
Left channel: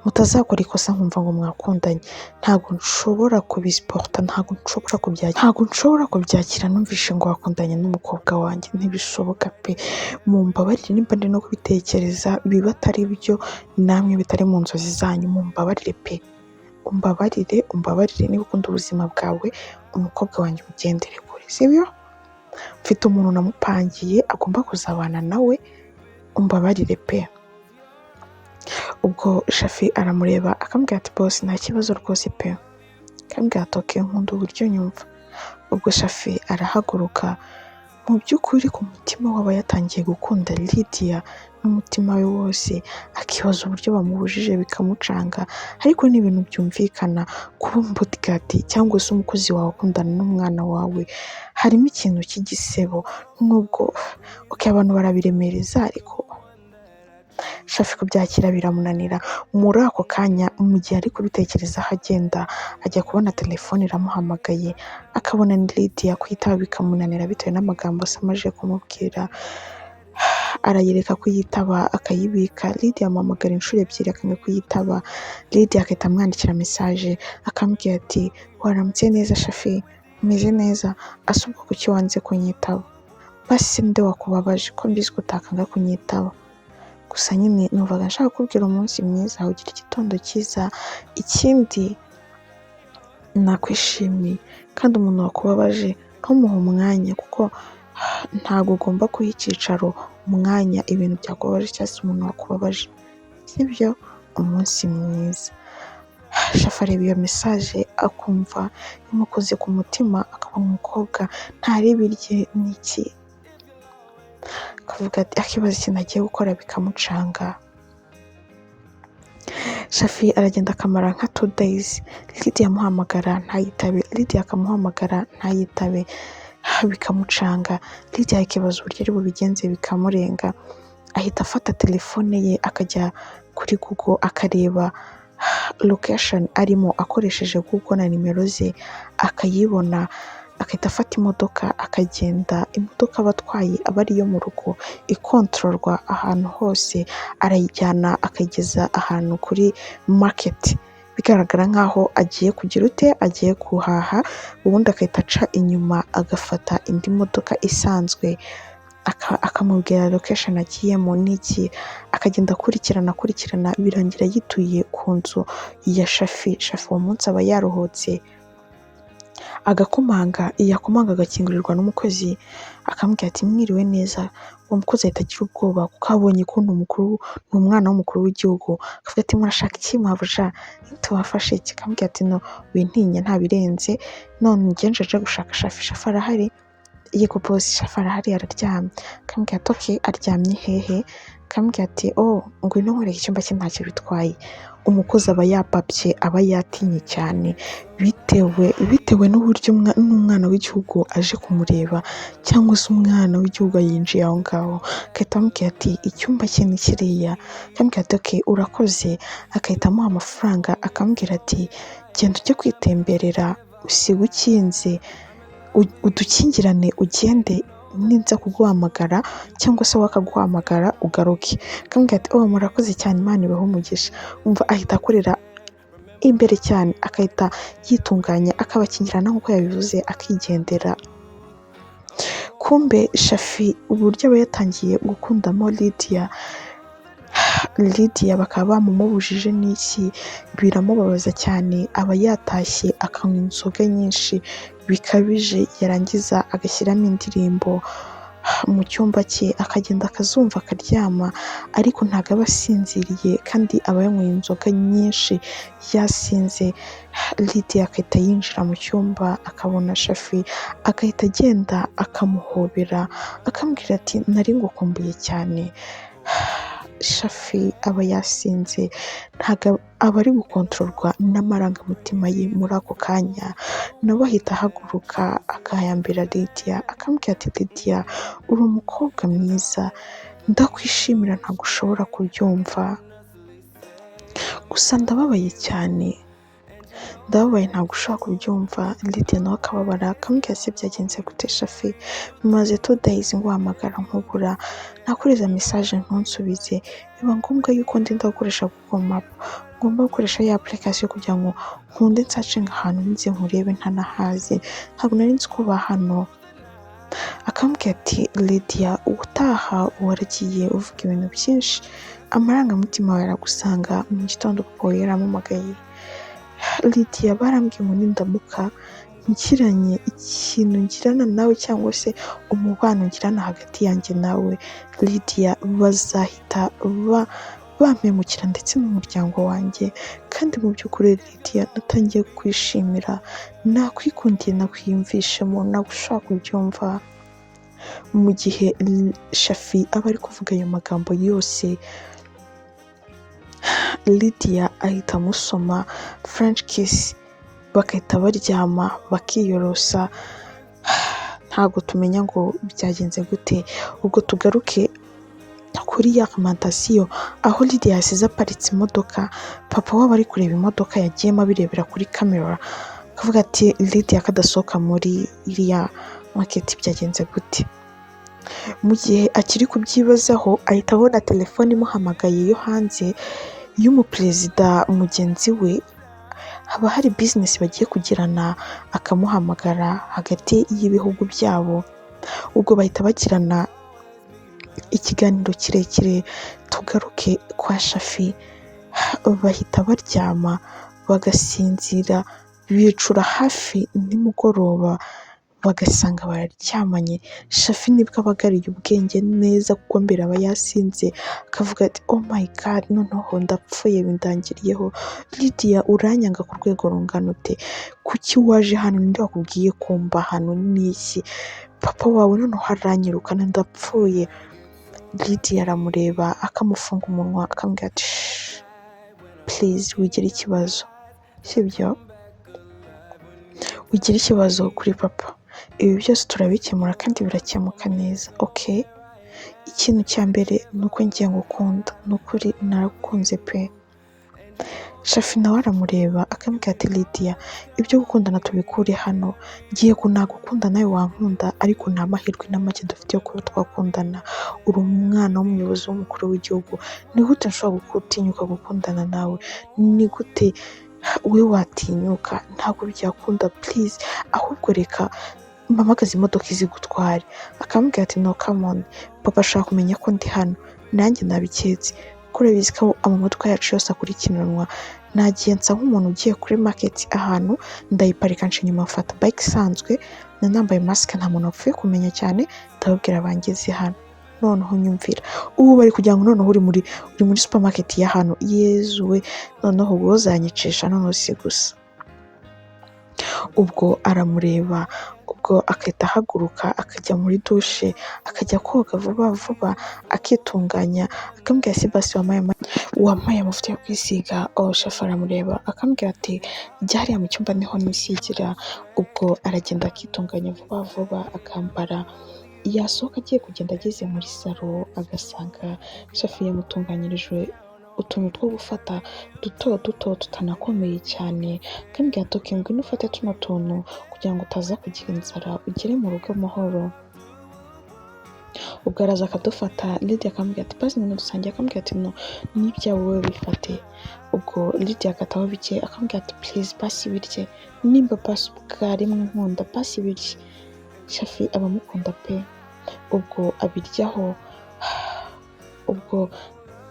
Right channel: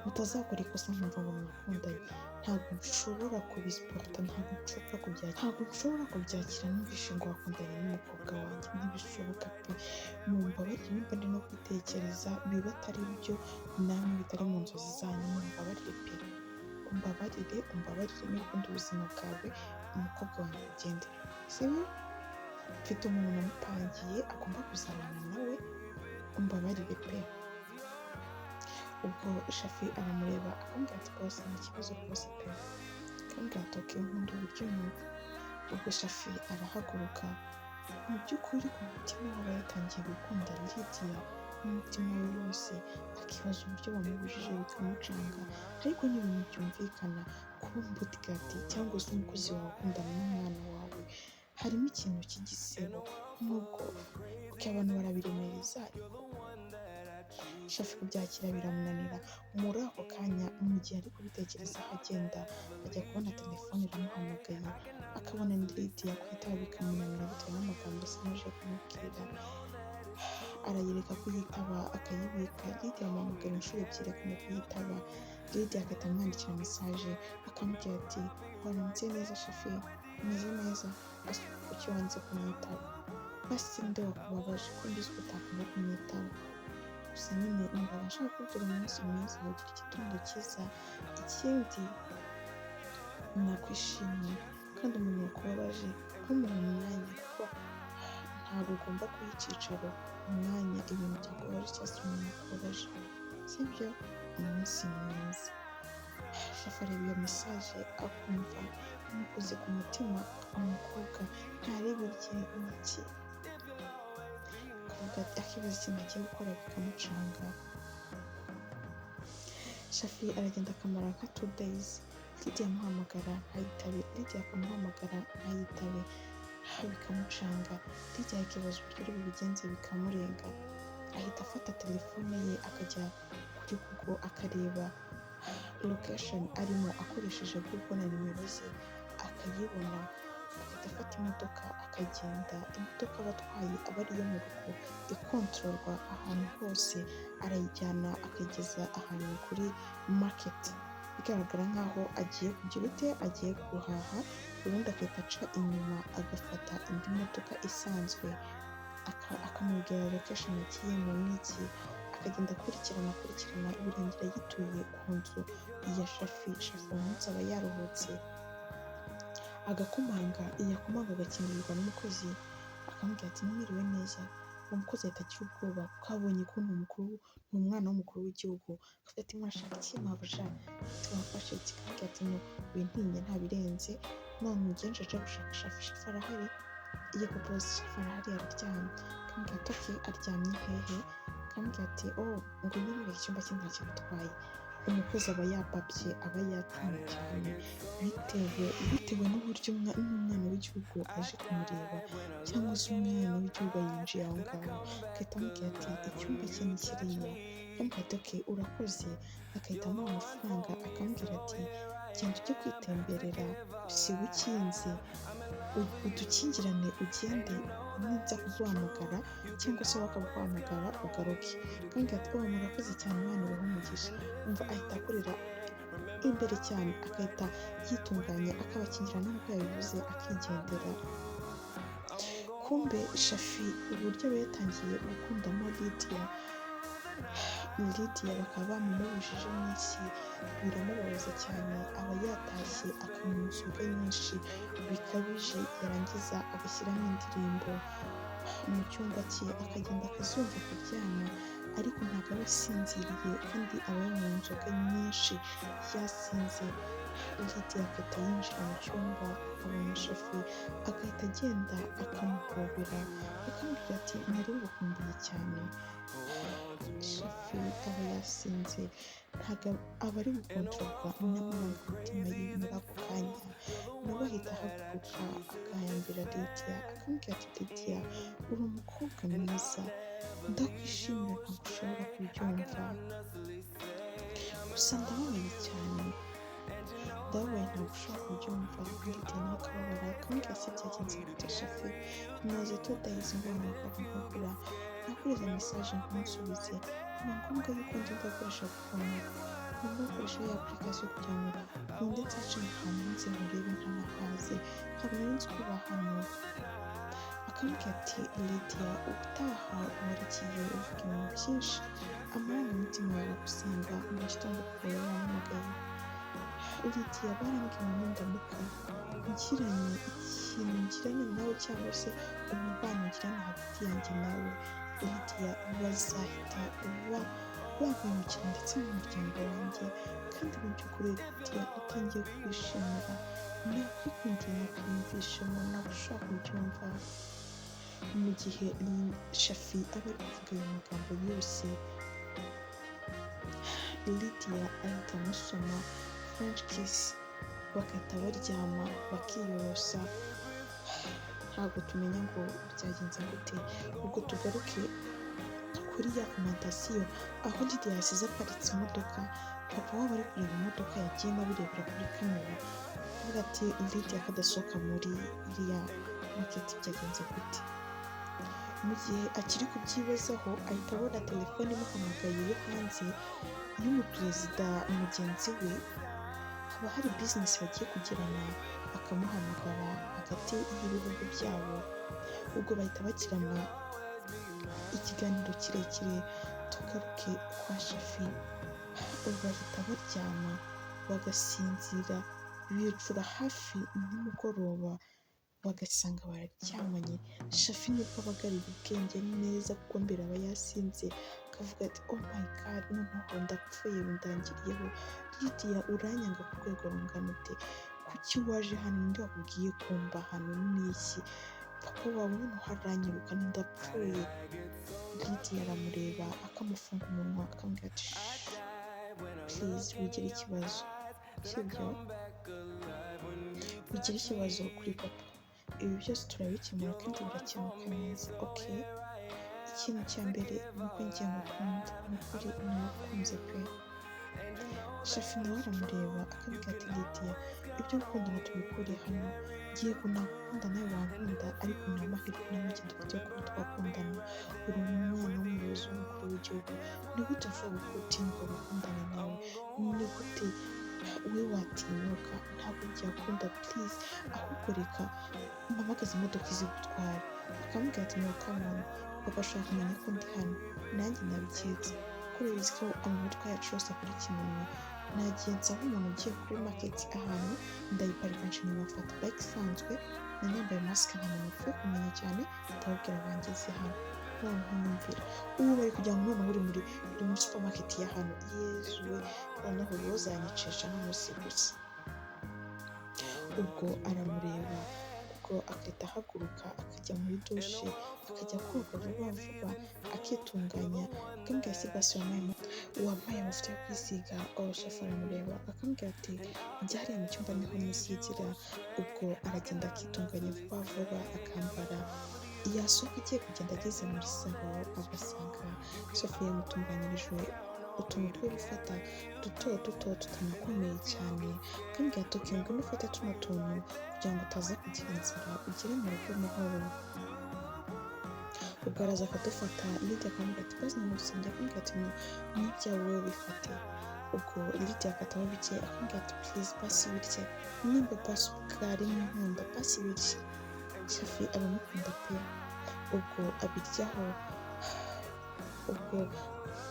mutazakora ikosa nkumva ngo mwakundanye. Ntabwo nshobora kubisiporta, ntabwo nshobora kubyakira numvishe ngo wakundanye n'umukobwa wanjye, ntibishoboka pe. Mumbabarire nimba ndi no kubitekereza biba atari byo, namwe bitari mu nzozi zanyu, mumbabarire pe. Umbabarire niba ukunda ubuzima bwawe, umukobwa wanjye ugendere kure, sibyo? Mfite umuntu namupangiye agomba kuzabana nawe, umbabarire pe. Ubwo Shafi aramureba akambwira ati bosi nta kibazo rwose pe. Akambwira ati okay, nkunda uburyo nyumva. Ubwo Shafi arahaguruka, mu by'ukuri ku mutima waba yatangiye gukunda Lydia n'umutima we wose, akibaza uburyo bamubujije bikamucanga, ariko ni ibintu byumvikana kuba umubodyguard cyangwa se umukozi wawe ukundana n'umwana wawe, harimo ikintu cy'igisebo. Nubwo abantu barabiremereza, ariko Shafi kubyakira biramunanira. Muri ako kanya mu gihe ari kubitekerezaho agenda, ajya kubona telefone iramuhamagaye, akabona ni Lydia, kwitaba bikamunanira bitewe n'amagambo amaze kumubwira. Arayireka kuyitaba akayibika. Lydia amuhamagara inshuro 2 akanga kuyitaba. Lydia agahita amwandikira message akambwira ati waramutse neza Shafi, umeze neza? Asubwo kuki wanze kunyitaba? Basi nde wakubabaje ko mbizi ko utakanga kunyitaba? Gusa nyine numvaga nshaka kubwira umunsi mwiza, ugira igitondo cyiza. Ikindi nakwishimiye, kandi umuntu wakubabaje ntumuhe umwanya, kuko ntabwo ugomba kuha icyicaro umwanya ibintu byakubabaje cyangwa se umuntu wakubabaje, sibyo? Umunsi mwiza. Shafi areba iyo message akumva imukoze ku mutima, akabona umukobwa ntarebe irye n'iki, akavuga ati akibaza ikintu agiye gukora bikamucanga. Shafi aragenda akamara nka 2 days, Lydia amuhamagara ntayitabe, Lydia akamuhamagara ntayitabe, bikamucanga. Lydia akibaza uburyo ari bubigenze bikamurenga, ahita afata telefone ye akajya kuri Google akareba location arimo akoresheje Google na nimero ze akayibona, agahita afata imodoka akagenda, imodoka aba atwaye aba ari iyo mu rugo ikontororwa ahantu hose, arayijyana akayigeza ahantu kuri maketi, bigaragara nk'aho agiye kugira ute, agiye guhaha, ubundi agahita aca inyuma agafata indi modoka isanzwe, akamubwira location agiyemo n'iki, akagenda akurikirana birangira yituye ku nzu ya Shafi. Shafi uwo munsi aba yaruhutse, agakomanga, yakomanga agakingurirwa n'umukozi, akamubwira ati mwiriwe neza. Uwo mukozi ahita agira ubwoba kuko abonye ko ni umwana w'umukuru w'igihugu, akavuga ati murashaka iki mabuja, tubafashe iki? Akamubwira ati no wintinye nta birenze, none ngenje aje gushaka Shafi. Shafi arahari? Yego boss, Shafi arahari araryamye. Akamubwira ati okay, aryamye hehe? Akamubwira ati oh ngwino nkwereke icyumba cye ntacyo bitwaye. Umukozi aba yapapye, aba yatinye cyane, bitewe n'uburyo n'umwana w'igihugu aje kumureba, cyangwa se umwana w'igihugu yinjiye aho ngaho, agahita amubwira ati icyumba cye ni kiriya. Akamubwira ati okay urakoze, agahita amuha amafaranga, akamubwira ati genda ujye kwitemberera, usiga ukinze, udukingirane ugende, ninza kuguhamagara cyangwa se wakaguhamagara ugaruke. Akamubwira ati oh murakoze cyane, Imana ibahe umugisha. Umva ahita akorera imbere cyane, akahita yitunganya, akabakingirana nk'uko yabivuze, akigendera. Kumbe Shafi uburyo aba yatangiye gukundamo Lydia bakaba bamumubujije n'iki, biramubabaza cyane, aba yatashye akanywa inzoga nyinshi bikabije, yarangiza agashyiramo indirimbo mu cyumba cye, akagenda akazumva akaryama, ariko ntabwo aba asinziriye kandi aba yanyweye inzoga nyinshi yasinze. Lydia agahita yinjira mu cyumba akabona Shafi, agahita agenda akamuhobera, akamubwira ati nari ngukumbuye cyane. Shafi aba yasinze, ntabwo aba ari gukontororwa n'amarangamutima ye muri ako kanya, nawe ahita ahaguruka agahambira Lydia, akamubwira ati Lydia uri umukobwa mwiza, ndakwishimira ntabwo ushobora kubyumva, gusa ndababaye cyane, ntabwo ushobora kubyumva. Lydia nawe akababara, akamubwira ati byagenze gute Shafi, maze 2 days nguhamagara nkubura, nakureza message ntunsubize, biba ngombwa yuko ndinda gukoresha Google Map, ngomba gukoresha ya application kugira ngo nkunde nsacinga ahantu nzi nkurebe ntanahaze, ntabwo nari nzi ko hano. Akamubwira ati Lydia ubutaha waragiye uvuga ibintu byinshi, amarangamutima yawe aragusanga, mu gitondo kuko yaramumagaye. Lydia barambwiye ngo nindamuka nkiranye ikintu ngirana nawe cyangwa se umubano ngirana hagati yanjye nawe Lydia, bazahita bampemukira ndetse n'umuryango wanjye, kandi mu by'ukuri Lydia natangiye kwishimira, nakwikundiye, nakwiyumvishemo, ntabwo ushobora kubyumva. Mu gihe Shafi aba ari kuvuga ayo magambo yose, Lydia ahita amusoma French kiss, bagahita baryama bakiyorosa. Ntabwo tumenya ngo byagenze gute. Ubwo tugaruke kuri ya alimantasiyo, aho Lydia yasize aparitse imodoka, papa waba ari kureba imodoka yagiyemo abirebera kuri kamera, akavuga ati Lydia kadasohoka muri iriya maketi byagenze gute. Mu gihe akiri kubyibazaho, ahita abona telefone imuhamagaye yo hanze y'umuperezida mugenzi we, haba hari business bagiye kugirana, akamuhamagara hagati y'ibihugu byabo. Ubwo bahita bagirana ikiganiro kirekire. Tugaruke kwa Shafi, bahita baryama bagasinzira, bicura hafi nimugoroba bagasanga bararyamanye. Shafi nibwo abagariye ubwenge neza kuko mbere aba yasinze, akavuga ati oh my god, noneho ndapfuye bindangiriyeho. Lydia uranyanga ku rwego rungana ute? Kuki waje hano? Ninde wakubwiye kumba hano n'iki? Papa wawe noneho aranyirukana, ndapfuye. Lydia aramureba akamufunga umunwa, akamubwira ati please wigira ikibazo, sibyo? Wigira ikibazo kuri papa, ibi byose turabikemura kandi birakemuka neza, okay? Ikintu cya mbere ni uko ngiye ngukunda, ni ukuri naragukunze pe. Shafi nawe aramureba akambwira ati Lydia, ibyo gukundana tubikure hano, yego nagukunda nawe wankunda ariko nta mahirwe na make dufite yo kuba twakundana, uri umwana w'umuyobozi w'umukuru w'igihugu, ni gute nshobora gutinyuka gukundana nawe, ni gute we watinyuka, ntabwo byakunda please, ahubwo reka mpamagaze imodoka izi gutware. Akambwira ati no come on, papa ashaka kumenya ko ndi hano, nanjye nabiketse kuri bizi ko amamodoka yacu yose akurikiranwa. Nagiye nsa nk'umuntu ugiye kuri market ahantu, ndayiparika nca inyuma mfata bike isanzwe, nambaye mask nta muntu wapfuye kumenya cyane, ndababwira bangeze hano. Noneho nyumvira, ubu bari kugira ngo noneho uri muri supermarket ya hano, yezu we, noneho ubwo uzanyicisha noneho si gusa. Ubwo aramureba, ubwo akahita ahaguruka akajya muri dushe, akajya koga vuba vuba akitunganya, akambwira ati basi wampaye amavuta yo kwisiga. Shafi aramureba akambwira ati jya hariya mu cyumba niho nisigira. Ubwo aragenda akitunganya vuba vuba akambara, yasohoka agiye kugenda ageze muri salo agasanga Shafi yamutunganyirije utuntu two gufata duto duto tutanakomeye cyane, akambwira ati okay, ngwino ufate tuno tuntu kugira ngo utaza kugira inzara ugere mu rugo amahoro. Ubwo araza akadufata, Lydia akambwira ati basi nyine dusangiye, akambwira ati no, n'ibyawe wowe bifate. Ubwo Lydia akataho bike akambwira ati please basi birye, nimba basi bwa rimwe nkunda basi birye. Shafi abamukunda pe. Ubwo abiryaho, ubwo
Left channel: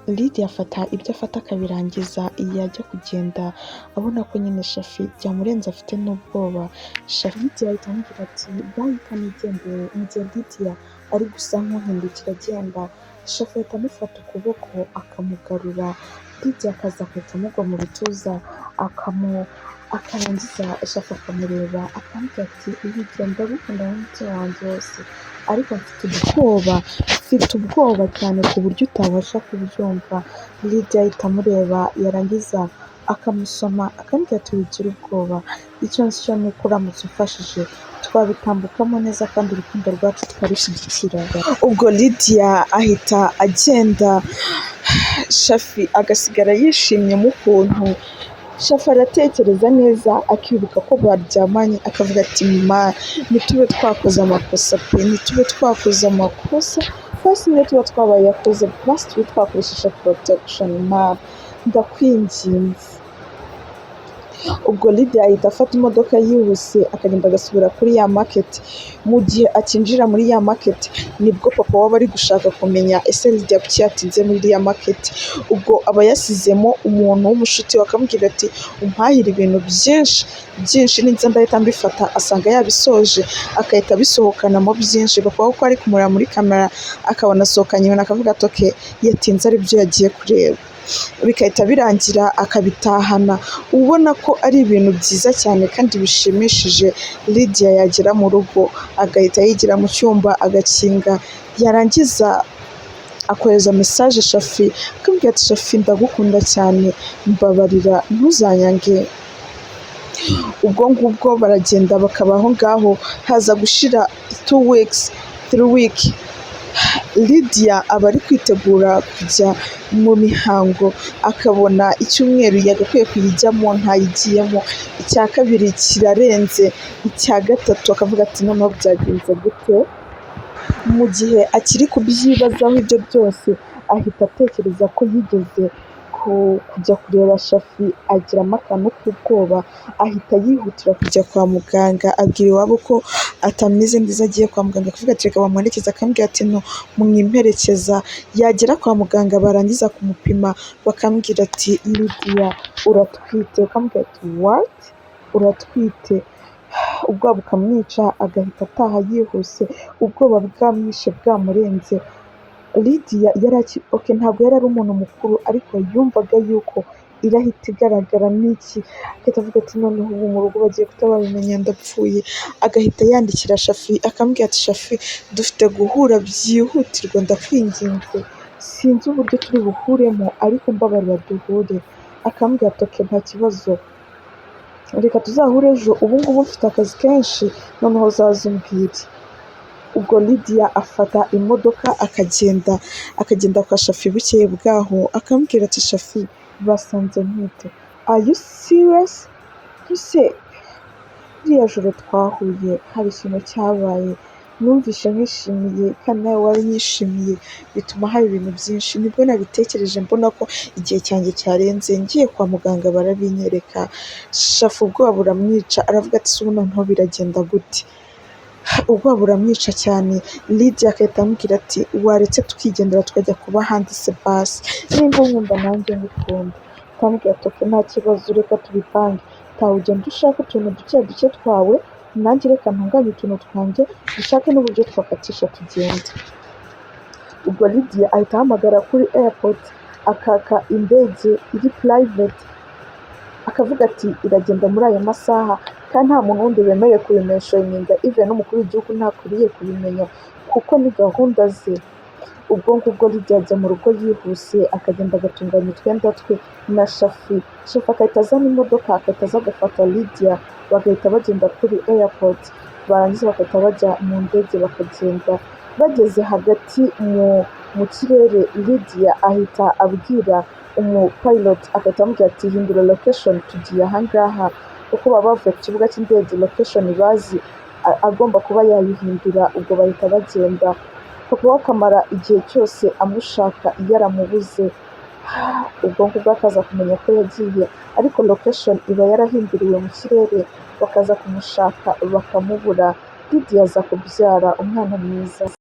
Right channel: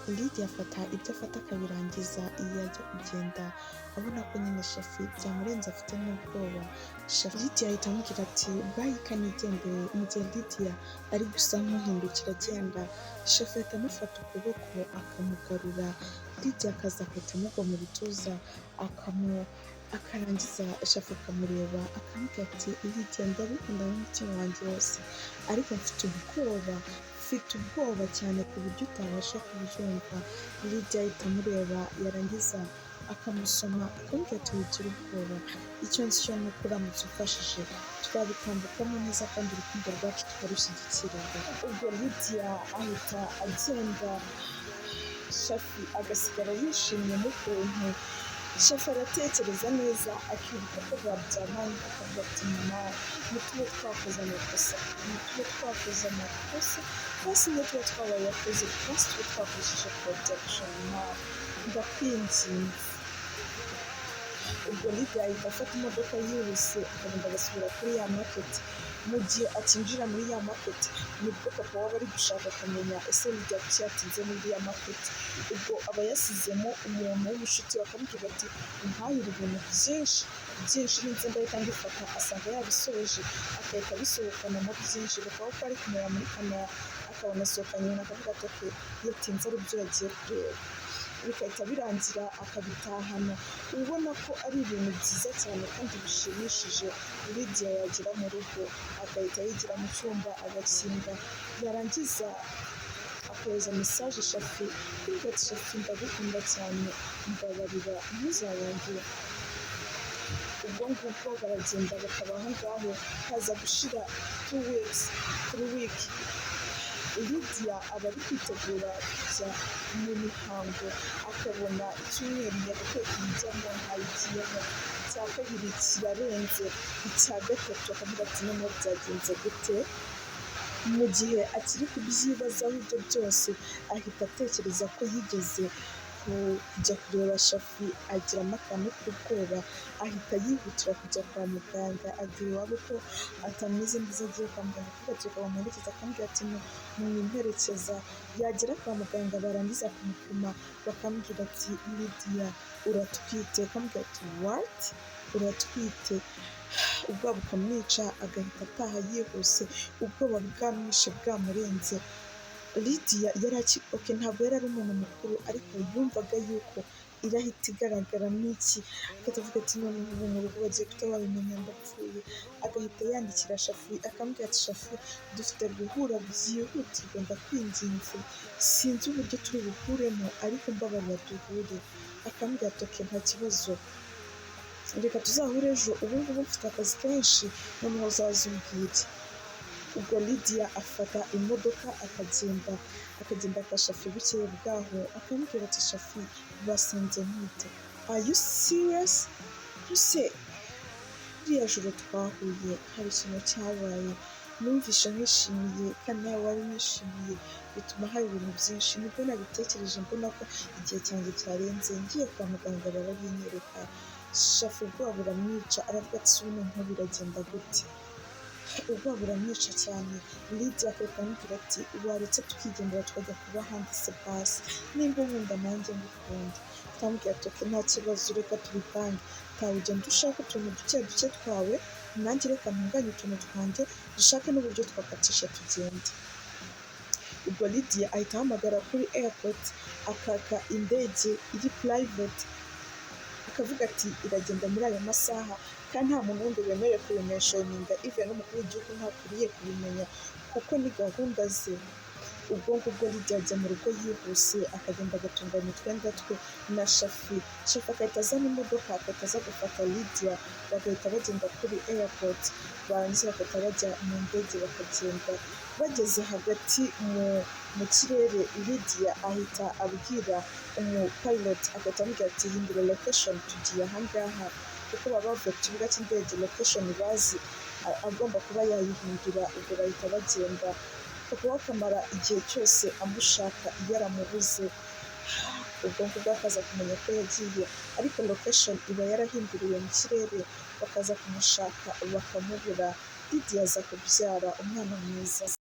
Lydia afata ibyo afata akabirangiza, yajya kugenda abona ko nyine Shafi byamurenze afite n'ubwoba. Shafi Lydia ahita amubwira ati bye kanigendere, mu gihe Lydia ari gusa nk'uhindukira agenda, Shafi ahita amufata ukuboko akamugarura, Lydia akaza akajya amugwa mu bituza akarangiza Shafi akamureba akambwira ati Lydia ndagukunda n'umutima wanjye wose, ariko mfite ubwoba cyane ku buryo utabasha kubyumva. Lydia ahita amureba, yarangiza akamusoma akambwira ati wigira ubwoba, icyo nzi cyo ni uko uramutse umfashije twabitambukamo neza kandi urukundo rwacu tukarushyigikira. Ubwo Lydia ahita agenda, Shafi agasigara yishimyemo ukuntu. Shafi aratekereza neza akibuka ko baryamanye, akavuga ati ntitube twakoze amakosa pe, ntitube twakoze amakosa, basi niyo tuba twabaye yakoze basi tube twakoresheje protection, ndakwinginze. Ubwo Lydia ahita afata imodoka yihuse akagenda agasubira kuri ya market. Mu gihe akinjira muri ya market nibwo papa waba ari gushaka kumenya ese Lydia kuki yatinze muri ya market. Ubwo aba yasizemo umuntu w'umushuti we akamubwira ati umpahira ibintu byinshi ninza ndahita mbifata, asanga yabisoje akahita abisohokanamo byinshi. Papa we ko ari kumureba muri kamera akabona asohokanye ibintu akavuga ati okay, yatinze ari byo yagiye kureba, bikahita birangira akabitahana. Ubona ko ari ibintu byiza cyane kandi bishimishije. Lydia yagera mu rugo agahita yigira mu cyumba agakinga, yarangiza akohereza message Shafi akambwira ati Shafi ndagukunda cyane, mbabarira ntuzanyange. Ubwo ngubwo baragenda bakabaho ngaho, haza gushira 3 weeks. Lydia aba ari kwitegura kujya mu mihango, akabona icyumweru yagakwiye kuyijyamo ntayigiyemo, icya kabiri kirarenze, icya gatatu akavuga ati noneho byagenze gute. Mu gihe akiri kubyibazaho ibyo byose ahita atekereza ko yigeze kujya kureba Shafi, agiramo akantu k'ubwoba, ahita yihutira kujya kwa muganga, abwira iwabo ko atameze neza agiye kwa muganga, akavuga ati reka bamuherekeze, akambwira ati no mwimperekeza. Yagera kwa muganga barangiza kumupima bakambwira ati Lydia uratwite, akambwira ati what, uratwite? Ubwoba bukamwica agahita ataha yihuse, ubwoba bwamwishe bwamurenze. Lydia okay, ntabwo yari ari umuntu mukuru ariko yumvaga yuko irahita igaragara n'iki, agahita avuga ati noneho ubu mu rugo bagiye kutababimenya ndapfuye. Agahita yandikira Shafi akambwira ati Shafi dufite guhura byihutirwa, ndakwinginze, sinzi uburyo turi buhuremo ariko mbabarira duhure. Akambwira ati okay, nta kibazo, reka tuzahure ejo, ubu ngubu mfite akazi kenshi, noneho uzaze umbwire. Ubwo Lydia afata imodoka akagenda kwa Shafi bukeye bwaho, akambwira ati Shafi basanze ntwite. are you serious? Ese ririya joro twahuye hari ikintu cyabaye, numvishe nkwishimiye kandi nawe waranyishimiye, bituma haba ibintu byinshi. Nibwo nabitekereje mbona ko igihe cyanjye cyarenze, ngiye kwa muganga barabinyereka, shafu ubwoba buramwica, aravuga ati ''ese ubu noneho biragenda gute?'' Ubwoba buramwica cyane, Lydia agahita amubwira ati ''waretse tukigendera tukajya kuba ahandi se basi, nimba unkunda nanjye ngukunda'' ndamubwira ati ''ok nta kibazo, reka tubipange, taha ugenda ushake utuntu duke duke twawe, nanjye reka ntunganye utuntu twanjye, dushake n'uburyo twakatisha tugende'' Ubwo Lydia ahita ahamagara kuri airport akaka indege iri private, akavuga ati iragenda muri ayo masaha kandi nta muntu wundi wemerewe kubimentioninga, even n'umukuru w'igihugu ntakwiriye kubimenya kuko ni gahunda ze. Ubwo ngubwo Lydia ajya mu rugo yihuse, akagenda agatunganya utwenda twe na Shafi agahita azana imodoka, agahita aza agafata Lydia, bagahita bagenda kuri airport, barangiza bagahita bajya mu ndege bakagenda. Bageze hagati mu kirere, Lydia ahita abwira umupilot, agahita amubwira ati hindura location tugiye aha ngaha, kuko baba bavuye ku kibuga cy'indege location bazi agomba kuba yayihindura. Ubwo bahita bagenda, papa we akamara igihe cyose amushaka yaramubuze, ubwo ngubwo akaza kumenya ko yagiye, ariko location iba yarahinduriwe mu kirere, bakaza kumushaka bakamubura. Lydia aza kubyara umwana mwiza.